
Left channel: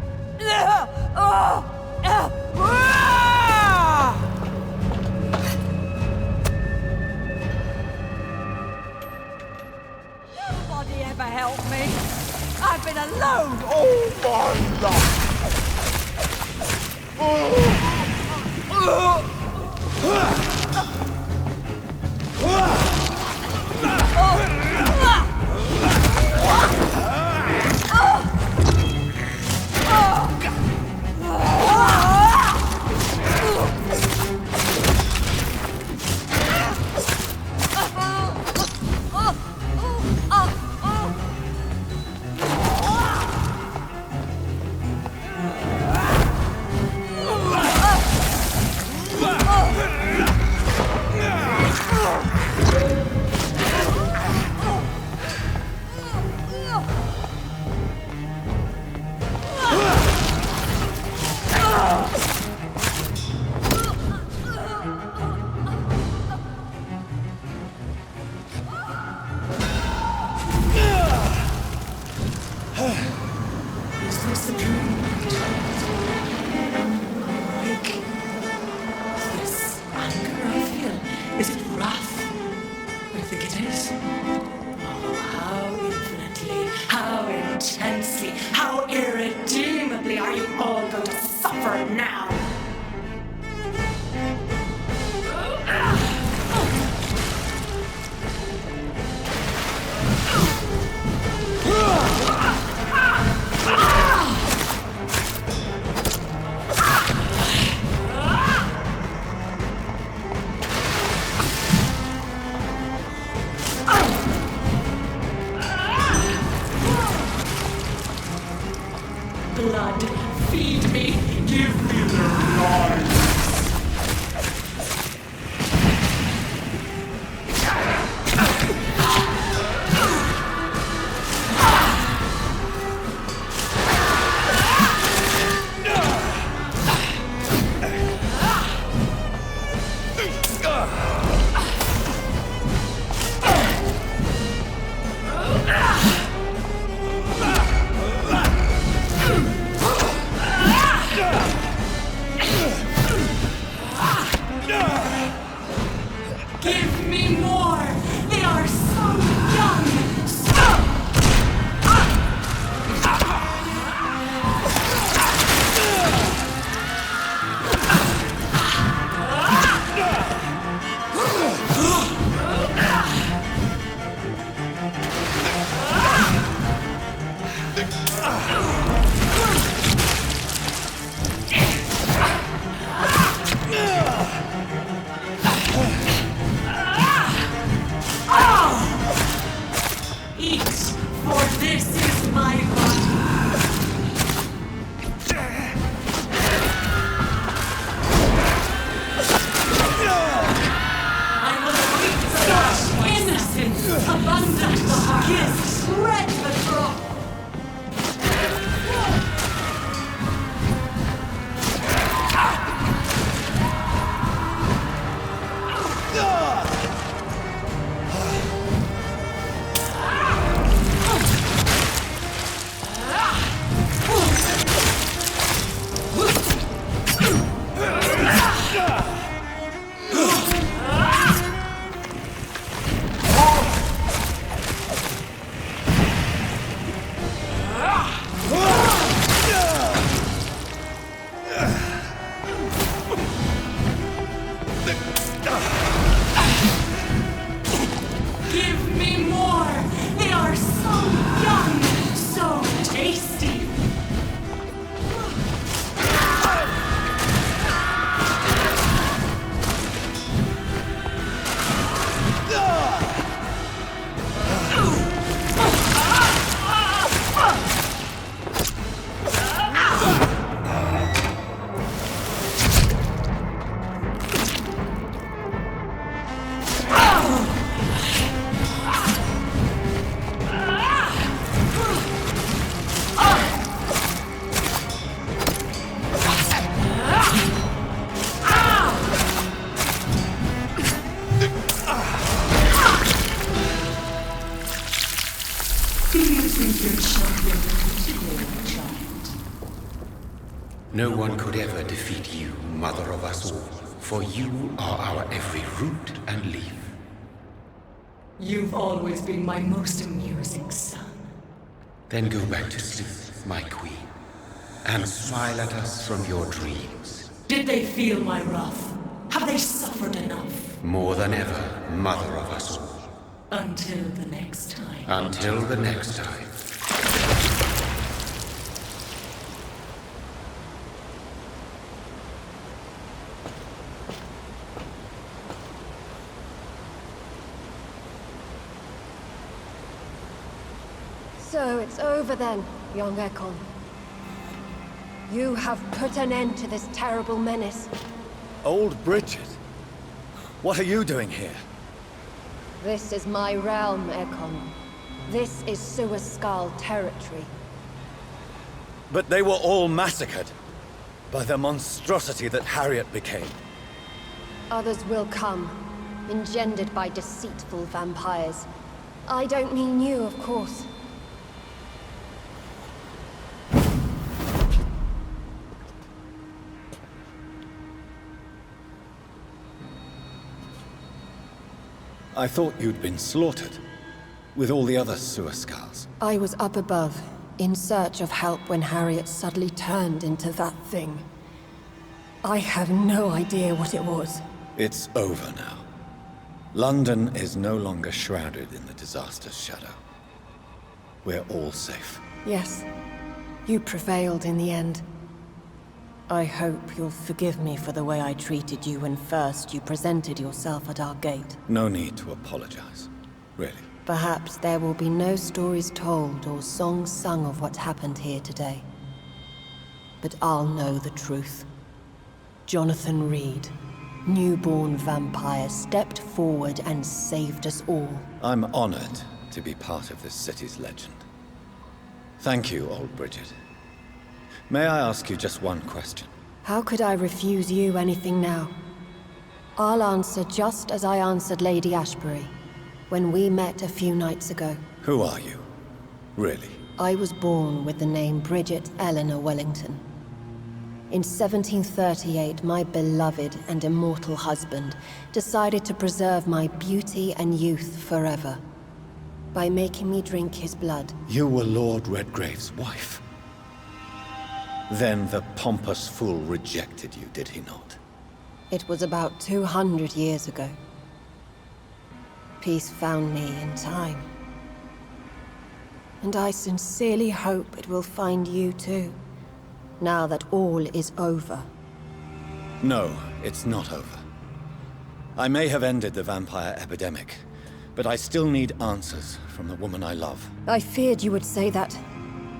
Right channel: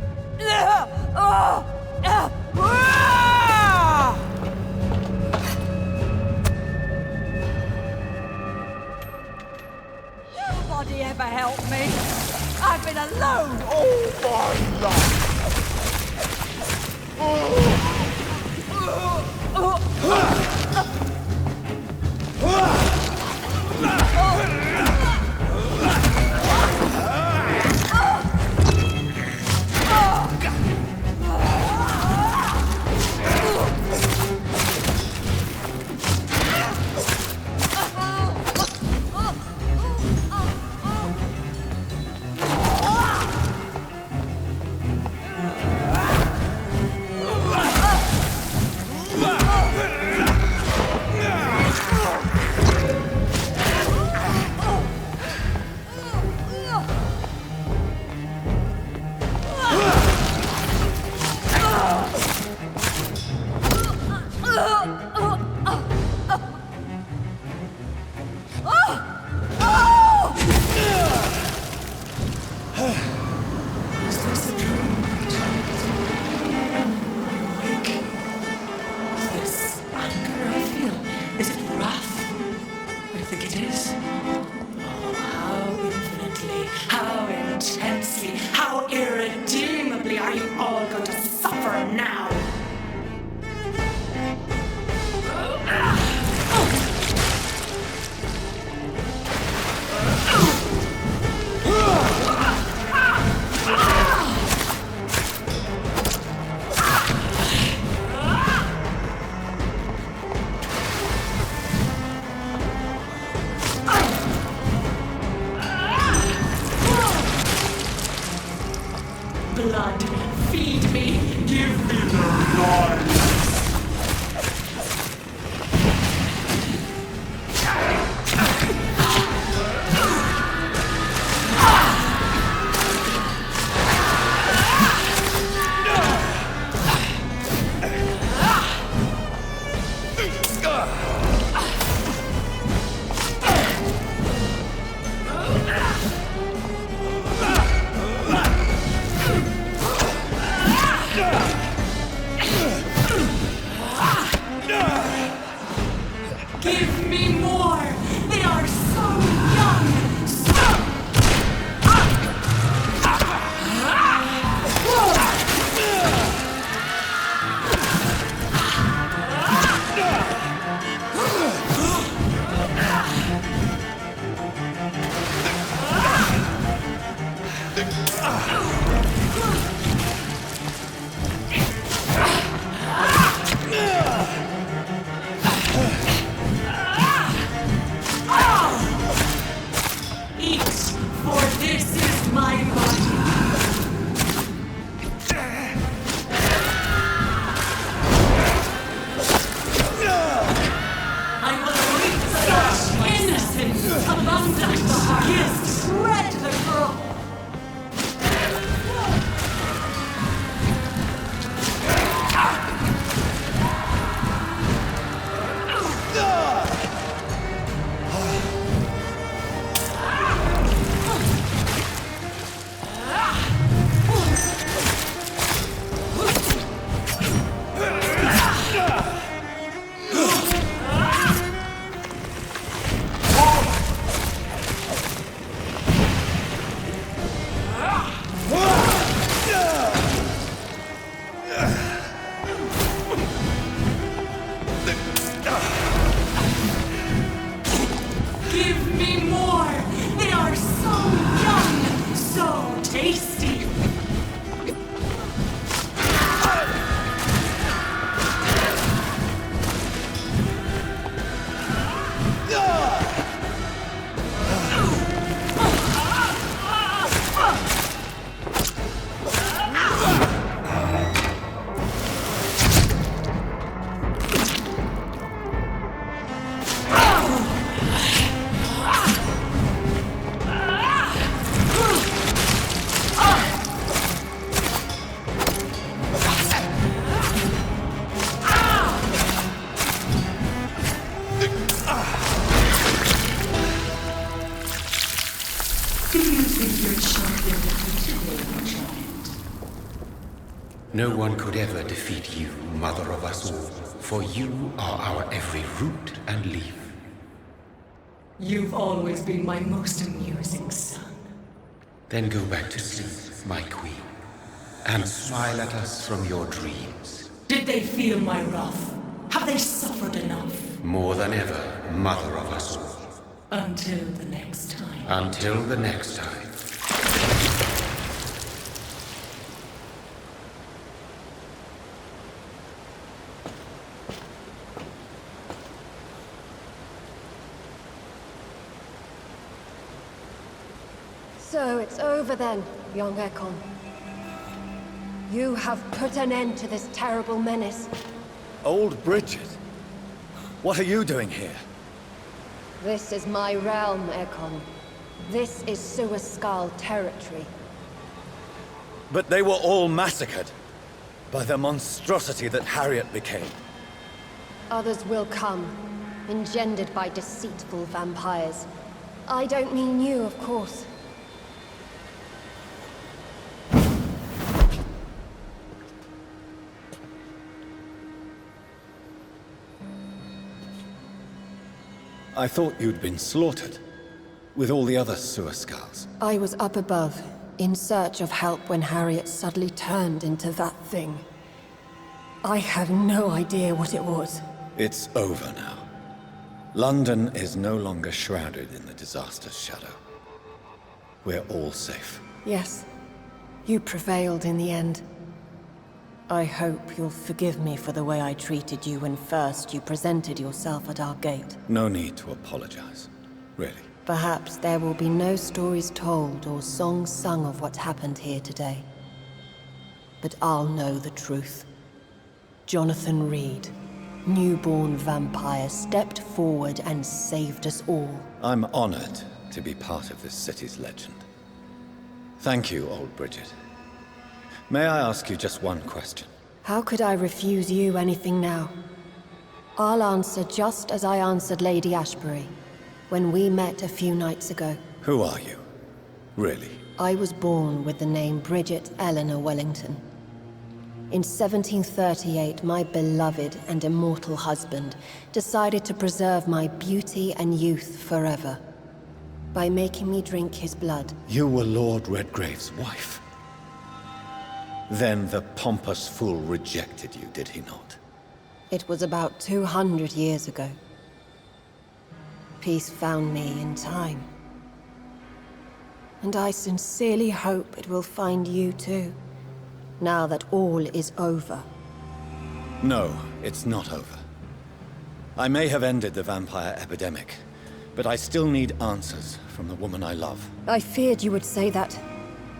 Nobody ever helped me. I've been alone all my life. Blood, feed me, give me the life. Do you think your champion defeated me, my child? No one could ever defeat you, mother of us all, for you are our every root and leaf. You've always been my most amusing son. Then go back to sleep, my queen, and smile at us from your dreams. Did they feel my wrath? Have they suffered enough? More than ever, mother of us all. Until the next time. Until the next time. So it's over then, young Ekon. You have put an end to this terrible menace. Old Bridget? What are you doing here? This is my realm, Ekon. This is Suascal territory. But they were all massacred by the monstrosity that Harriet became. Others will come, engendered by deceitful vampires. I don't mean you, of course. I thought you'd been slaughtered, with all the other Suascals. I was up above, in search of help when Harriet suddenly turned into that thing. I have no idea what it was. It's over now. London is no longer shrouded in the disaster's shadow. We're all safe. Yes, you prevailed in the end. I hope you'll forgive me for the way I treated you when first you presented yourself at our gate. No need to apologize, really. Perhaps there will be no stories told or songs sung of what happened here today. But I'll know the truth. Jonathan Reed, newborn vampire, stepped forward and saved us all. I'm honored to be part of this city's legend. Thank you, old Bridget. May I ask you just one question? How could I refuse you anything now? I'll answer just as I answered Lady Ashbury when we met a few nights ago. Who are you? Really? I was born with the name Bridget Eleanor Wellington. In 1738, my beloved and immortal husband decided to preserve my beauty and youth forever by making me drink his blood. You were Lord Redgrave's wife. Then the pompous fool rejected you, did he not? It was about 200 years ago. Peace found me in time. And I sincerely hope it will find you too, now that all is over. No, it's not over. I may have ended the vampire epidemic, but I still need answers from the woman I love. I feared you would say that.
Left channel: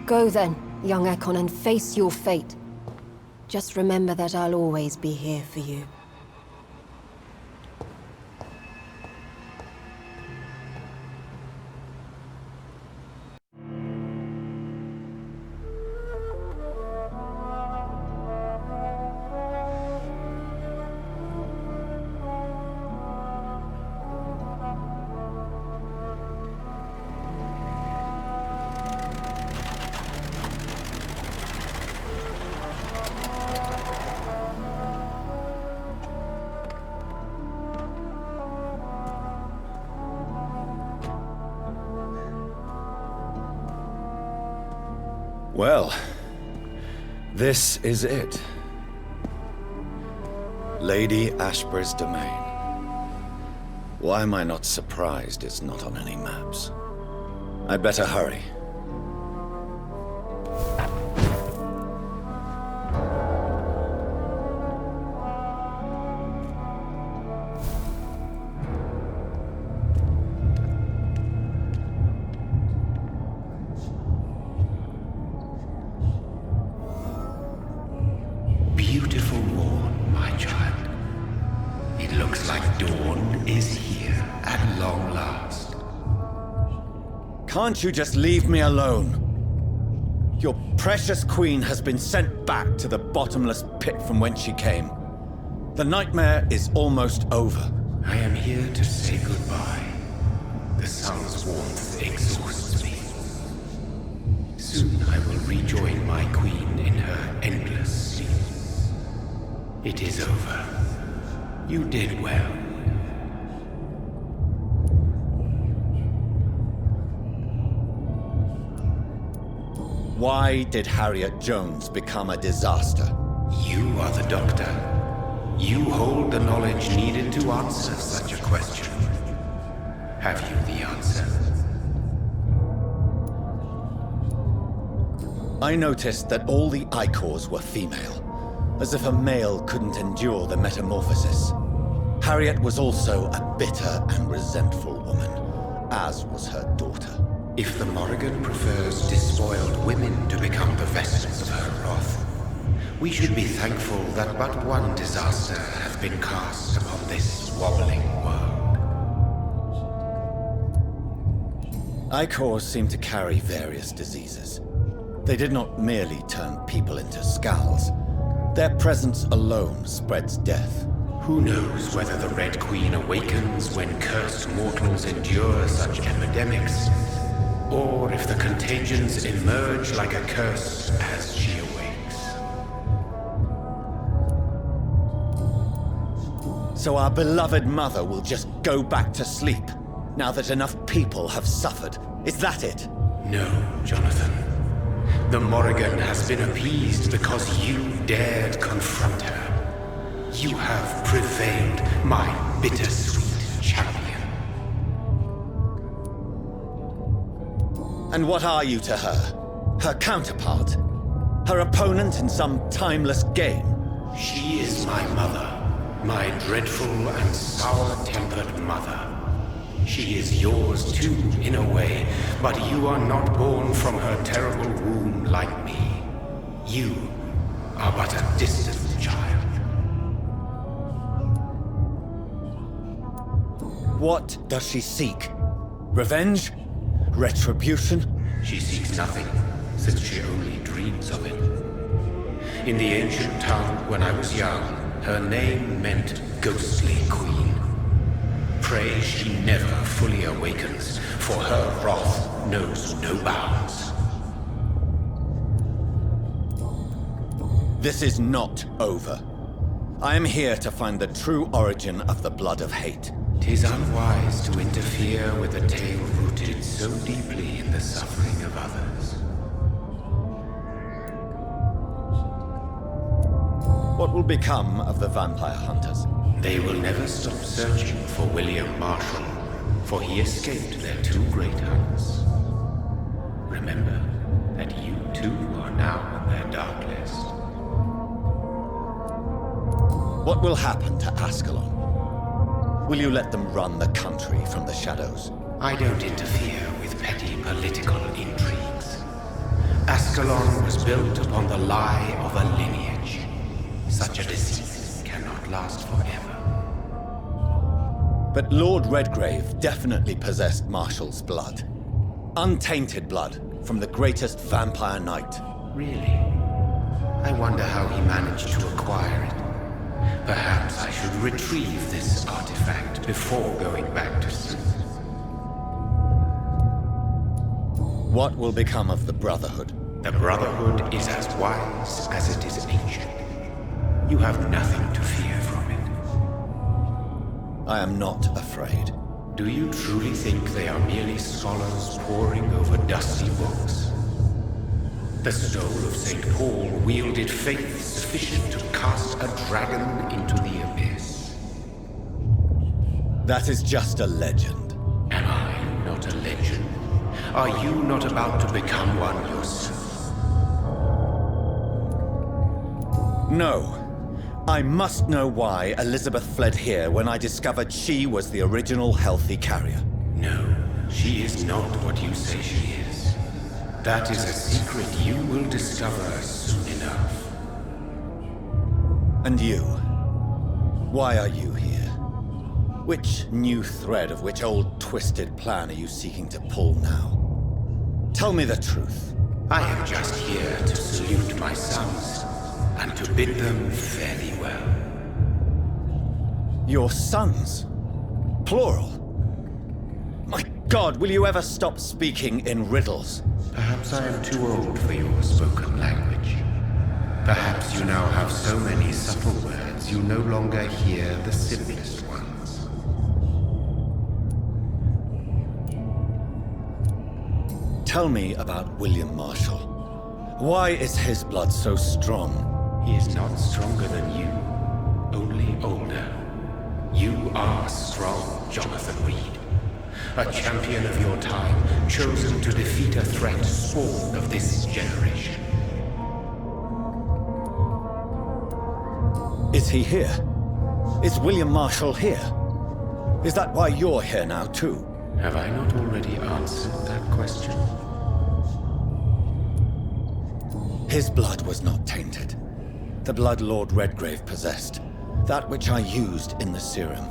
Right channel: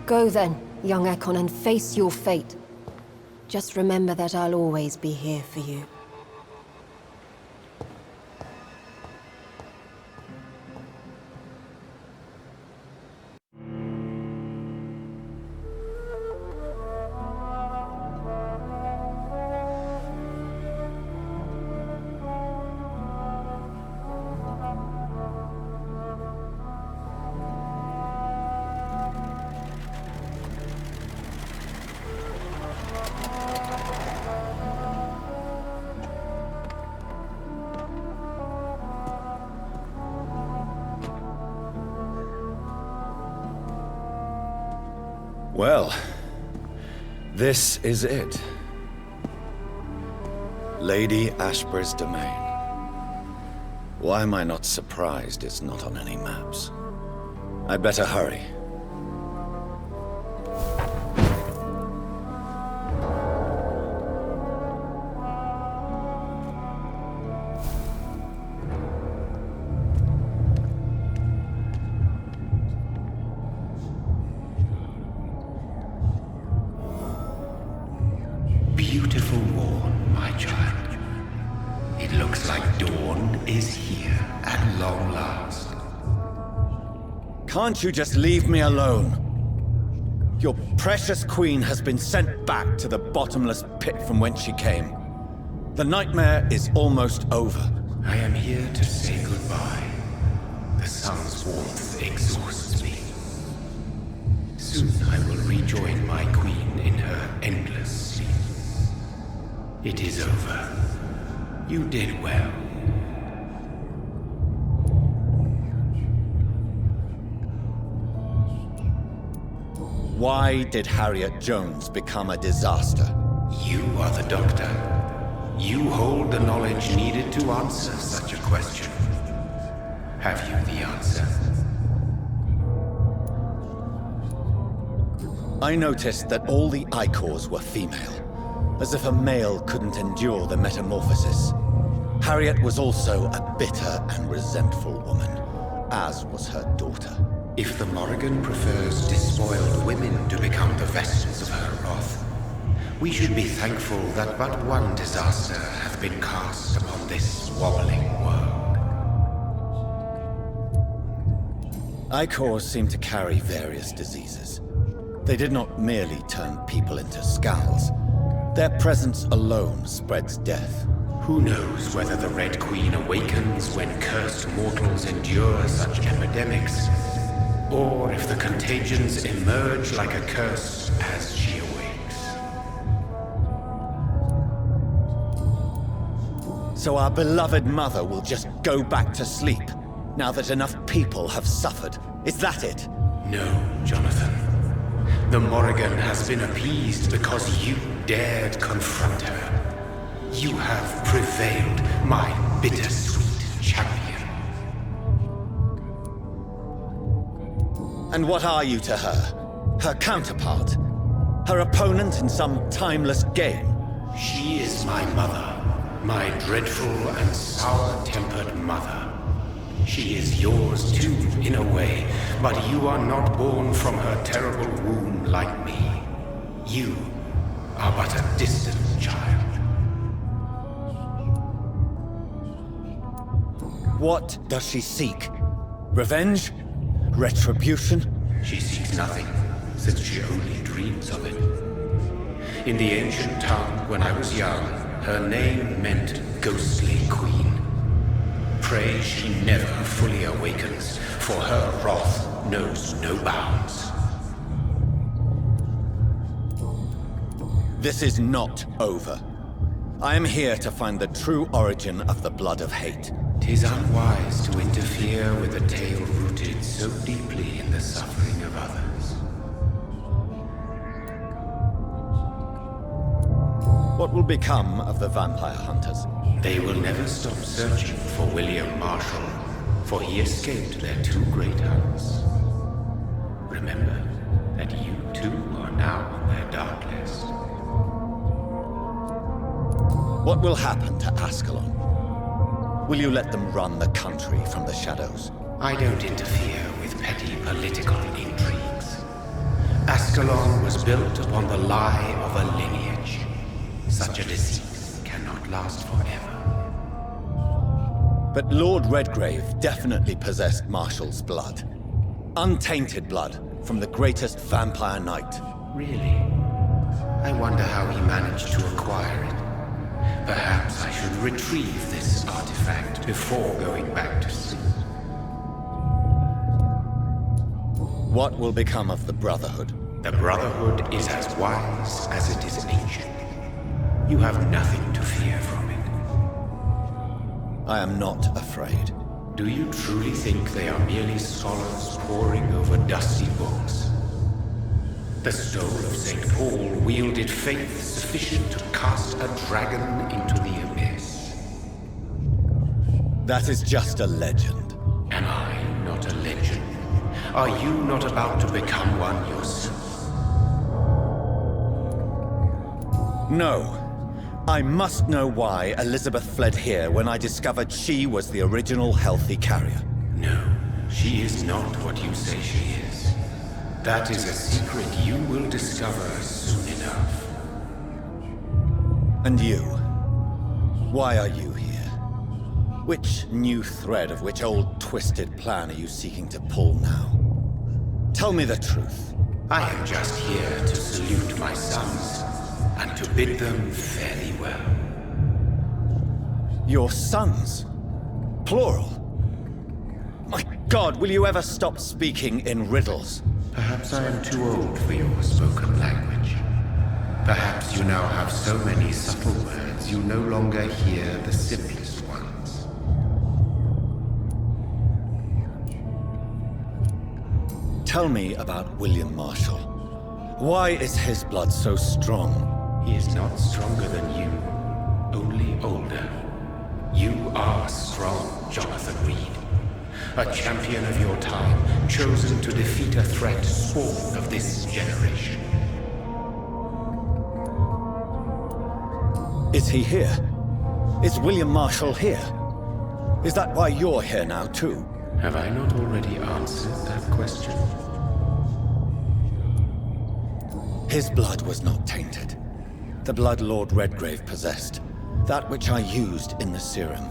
Go then, young Ekon, and face your fate. Just remember that I'll always be here for you. Well, this is it. Lady Ashbury's domain. Why am I not surprised it's not on any maps? I'd better hurry. Beautiful morn, my child. It looks like dawn is here at long last. Can't you just leave me alone? Your precious queen has been sent back to the bottomless pit from whence she came. The nightmare is almost over. I am here to say goodbye. The sun's warmth exhausts me. Soon I will rejoin my queen in her endless sleep. It is over. You did well. Why did Harriet Jones become a disaster? You are the doctor. You hold the knowledge needed to answer such a question. Have you the answer? I noticed that all the Icors were female, as if a male couldn't endure the metamorphosis. Harriet was also a bitter and resentful woman, as was her daughter. If the Morrigan prefers despoiled women to become the vessels of her wrath, we should be thankful that but one disaster hath been cast upon this wobbling world. Icors seem to carry various diseases. They did not merely turn people into skulls. Their presence alone spreads death. Who knows whether the Red Queen awakens when cursed mortals endure such epidemics, or if the contagions emerge like a curse as she awakes. So our beloved mother will just go back to sleep, now that enough people have suffered. Is that it? No, Jonathan. The Morrigan has been appeased because you dared confront her. You have prevailed, my bittersweet champion. And what are you to her? Her counterpart? Her opponent in some timeless game? She is my mother. My dreadful and sour-tempered mother. She is yours too, in a way, but you are not born from her terrible womb like me. You are but a distant child. What does she seek? Revenge? Retribution? She seeks nothing, since she only dreams of it. In the ancient tongue, when I was young, her name meant Ghostly Queen. Pray she never fully awakens, for her wrath knows no bounds. This is not over. I am here to find the true origin of the blood of hate. 'Tis unwise to interfere with a tale rooted so deeply in the suffering of others. What will become of the vampire hunters? They will never stop searching for William Marshall, for he escaped their two great hunts. Remember that you too are now on their dark list. What will happen to Ascalon? Will you let them run the country from the shadows? I don't interfere with petty political intrigues. Ascalon was built upon the lie of a lineage. Such a deceit cannot last forever. But Lord Redgrave definitely possessed Marshall's blood. Untainted blood from the greatest vampire knight. Really? I wonder how he managed to acquire it. Perhaps I should retrieve this artifact before going back to sleep. What will become of the Brotherhood? The Brotherhood is as wise as it is ancient. You have nothing to fear from it. I am not afraid. Do you truly think they are merely scholars poring over dusty books? The stole of St. Paul wielded faith sufficient to cast a dragon into the abyss. That is just a legend. Am I not a legend? Are you not about to become one yourself? No. I must know why Elisabeth fled here when I discovered she was the original healthy carrier. No, she is not what you say she is. That is a secret you will discover soon enough. And you? Why are you here? Which new thread of which old twisted plan are you seeking to pull now? Tell me the truth. I am just here to salute my sons, and to bid them fare thee well. Your sons? Plural? My God, will you ever stop speaking in riddles? Perhaps I am too old for your spoken language. Perhaps you now have so many subtle words you no longer hear the simplest ones. Tell me about William Marshall. Why is his blood so strong? He is not stronger than you, only older. You are strong, Jonathan Reed. A champion of your time, chosen to defeat a threat spawn of this generation. Is he here? Is William Marshall here? Is that why you're here now, too? Have I not already answered that question? His blood was not tainted. The blood Lord Redgrave possessed. That which I used in the serum.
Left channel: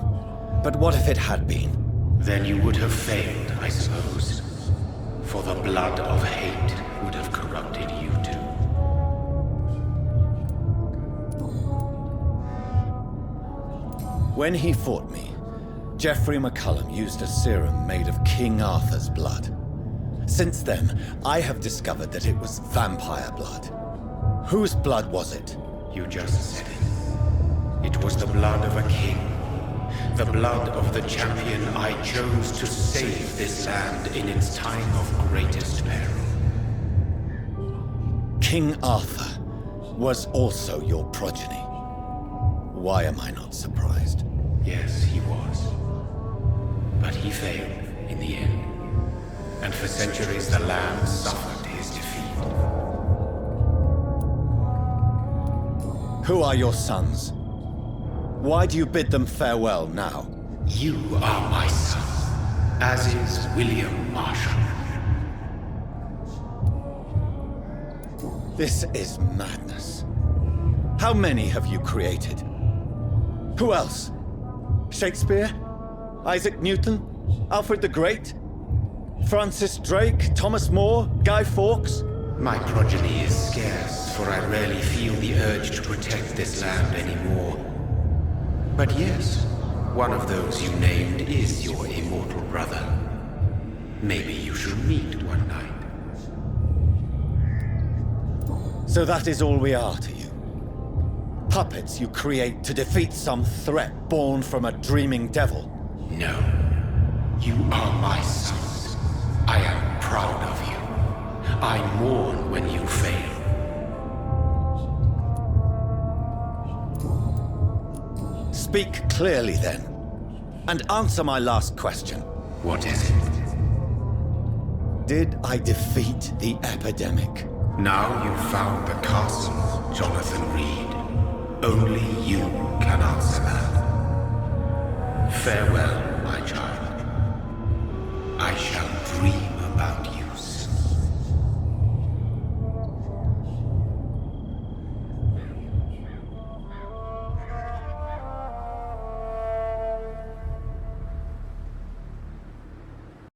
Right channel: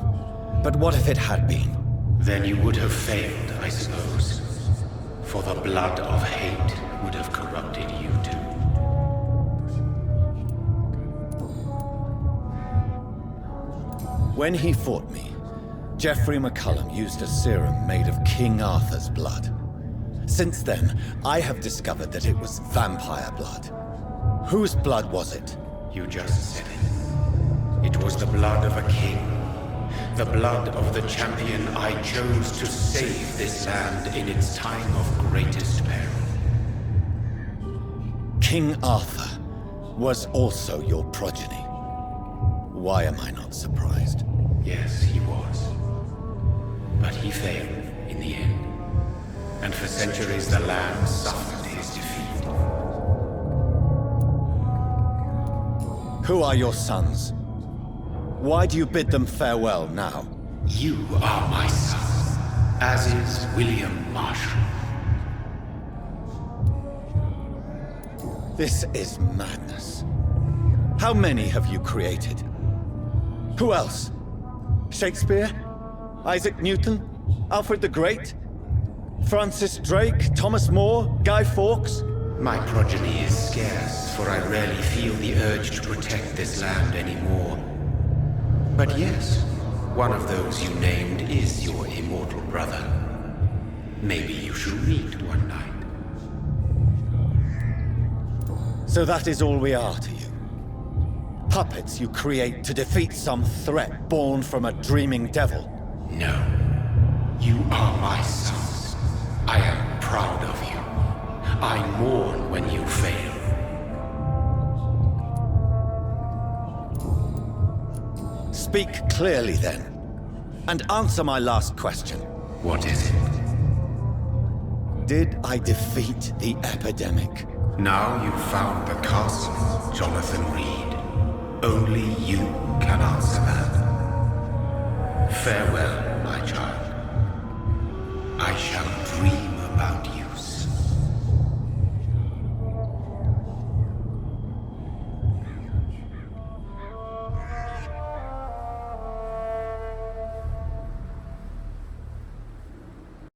But what if it had been? Then you would have failed, I suppose. For the blood of hate would have corrupted you too. When he fought me, Geoffrey McCullum used a serum made of King Arthur's blood. Since then, I have discovered that it was vampire blood. Whose blood was it? You just said it. It was the blood of a king. The blood of the champion I chose to save this land in its time of greatest peril. King Arthur was also your progeny. Why am I not surprised? Yes, he was. But he failed in the end. And for centuries the land suffered his defeat. Who are your sons? Why do you bid them farewell now? You are my son, as is William Marshall. This is madness. How many have you created? Who else? Shakespeare? Isaac Newton? Alfred the Great? Francis Drake? Thomas More? Guy Fawkes? My progeny is scarce, for I rarely feel the urge to protect this land anymore. But yes, one of those you named is your immortal brother. Maybe you shall meet one night. So that is all we are to you? Puppets you create to defeat some threat born from a dreaming devil? No. You are my sons. I am proud of you. I mourn when you fail. Speak clearly then, and answer my last question. What is it? Did I defeat the epidemic? Now you've found the castle, Jonathan Reed. Only you can answer that. Farewell, my child. I shall dream about you.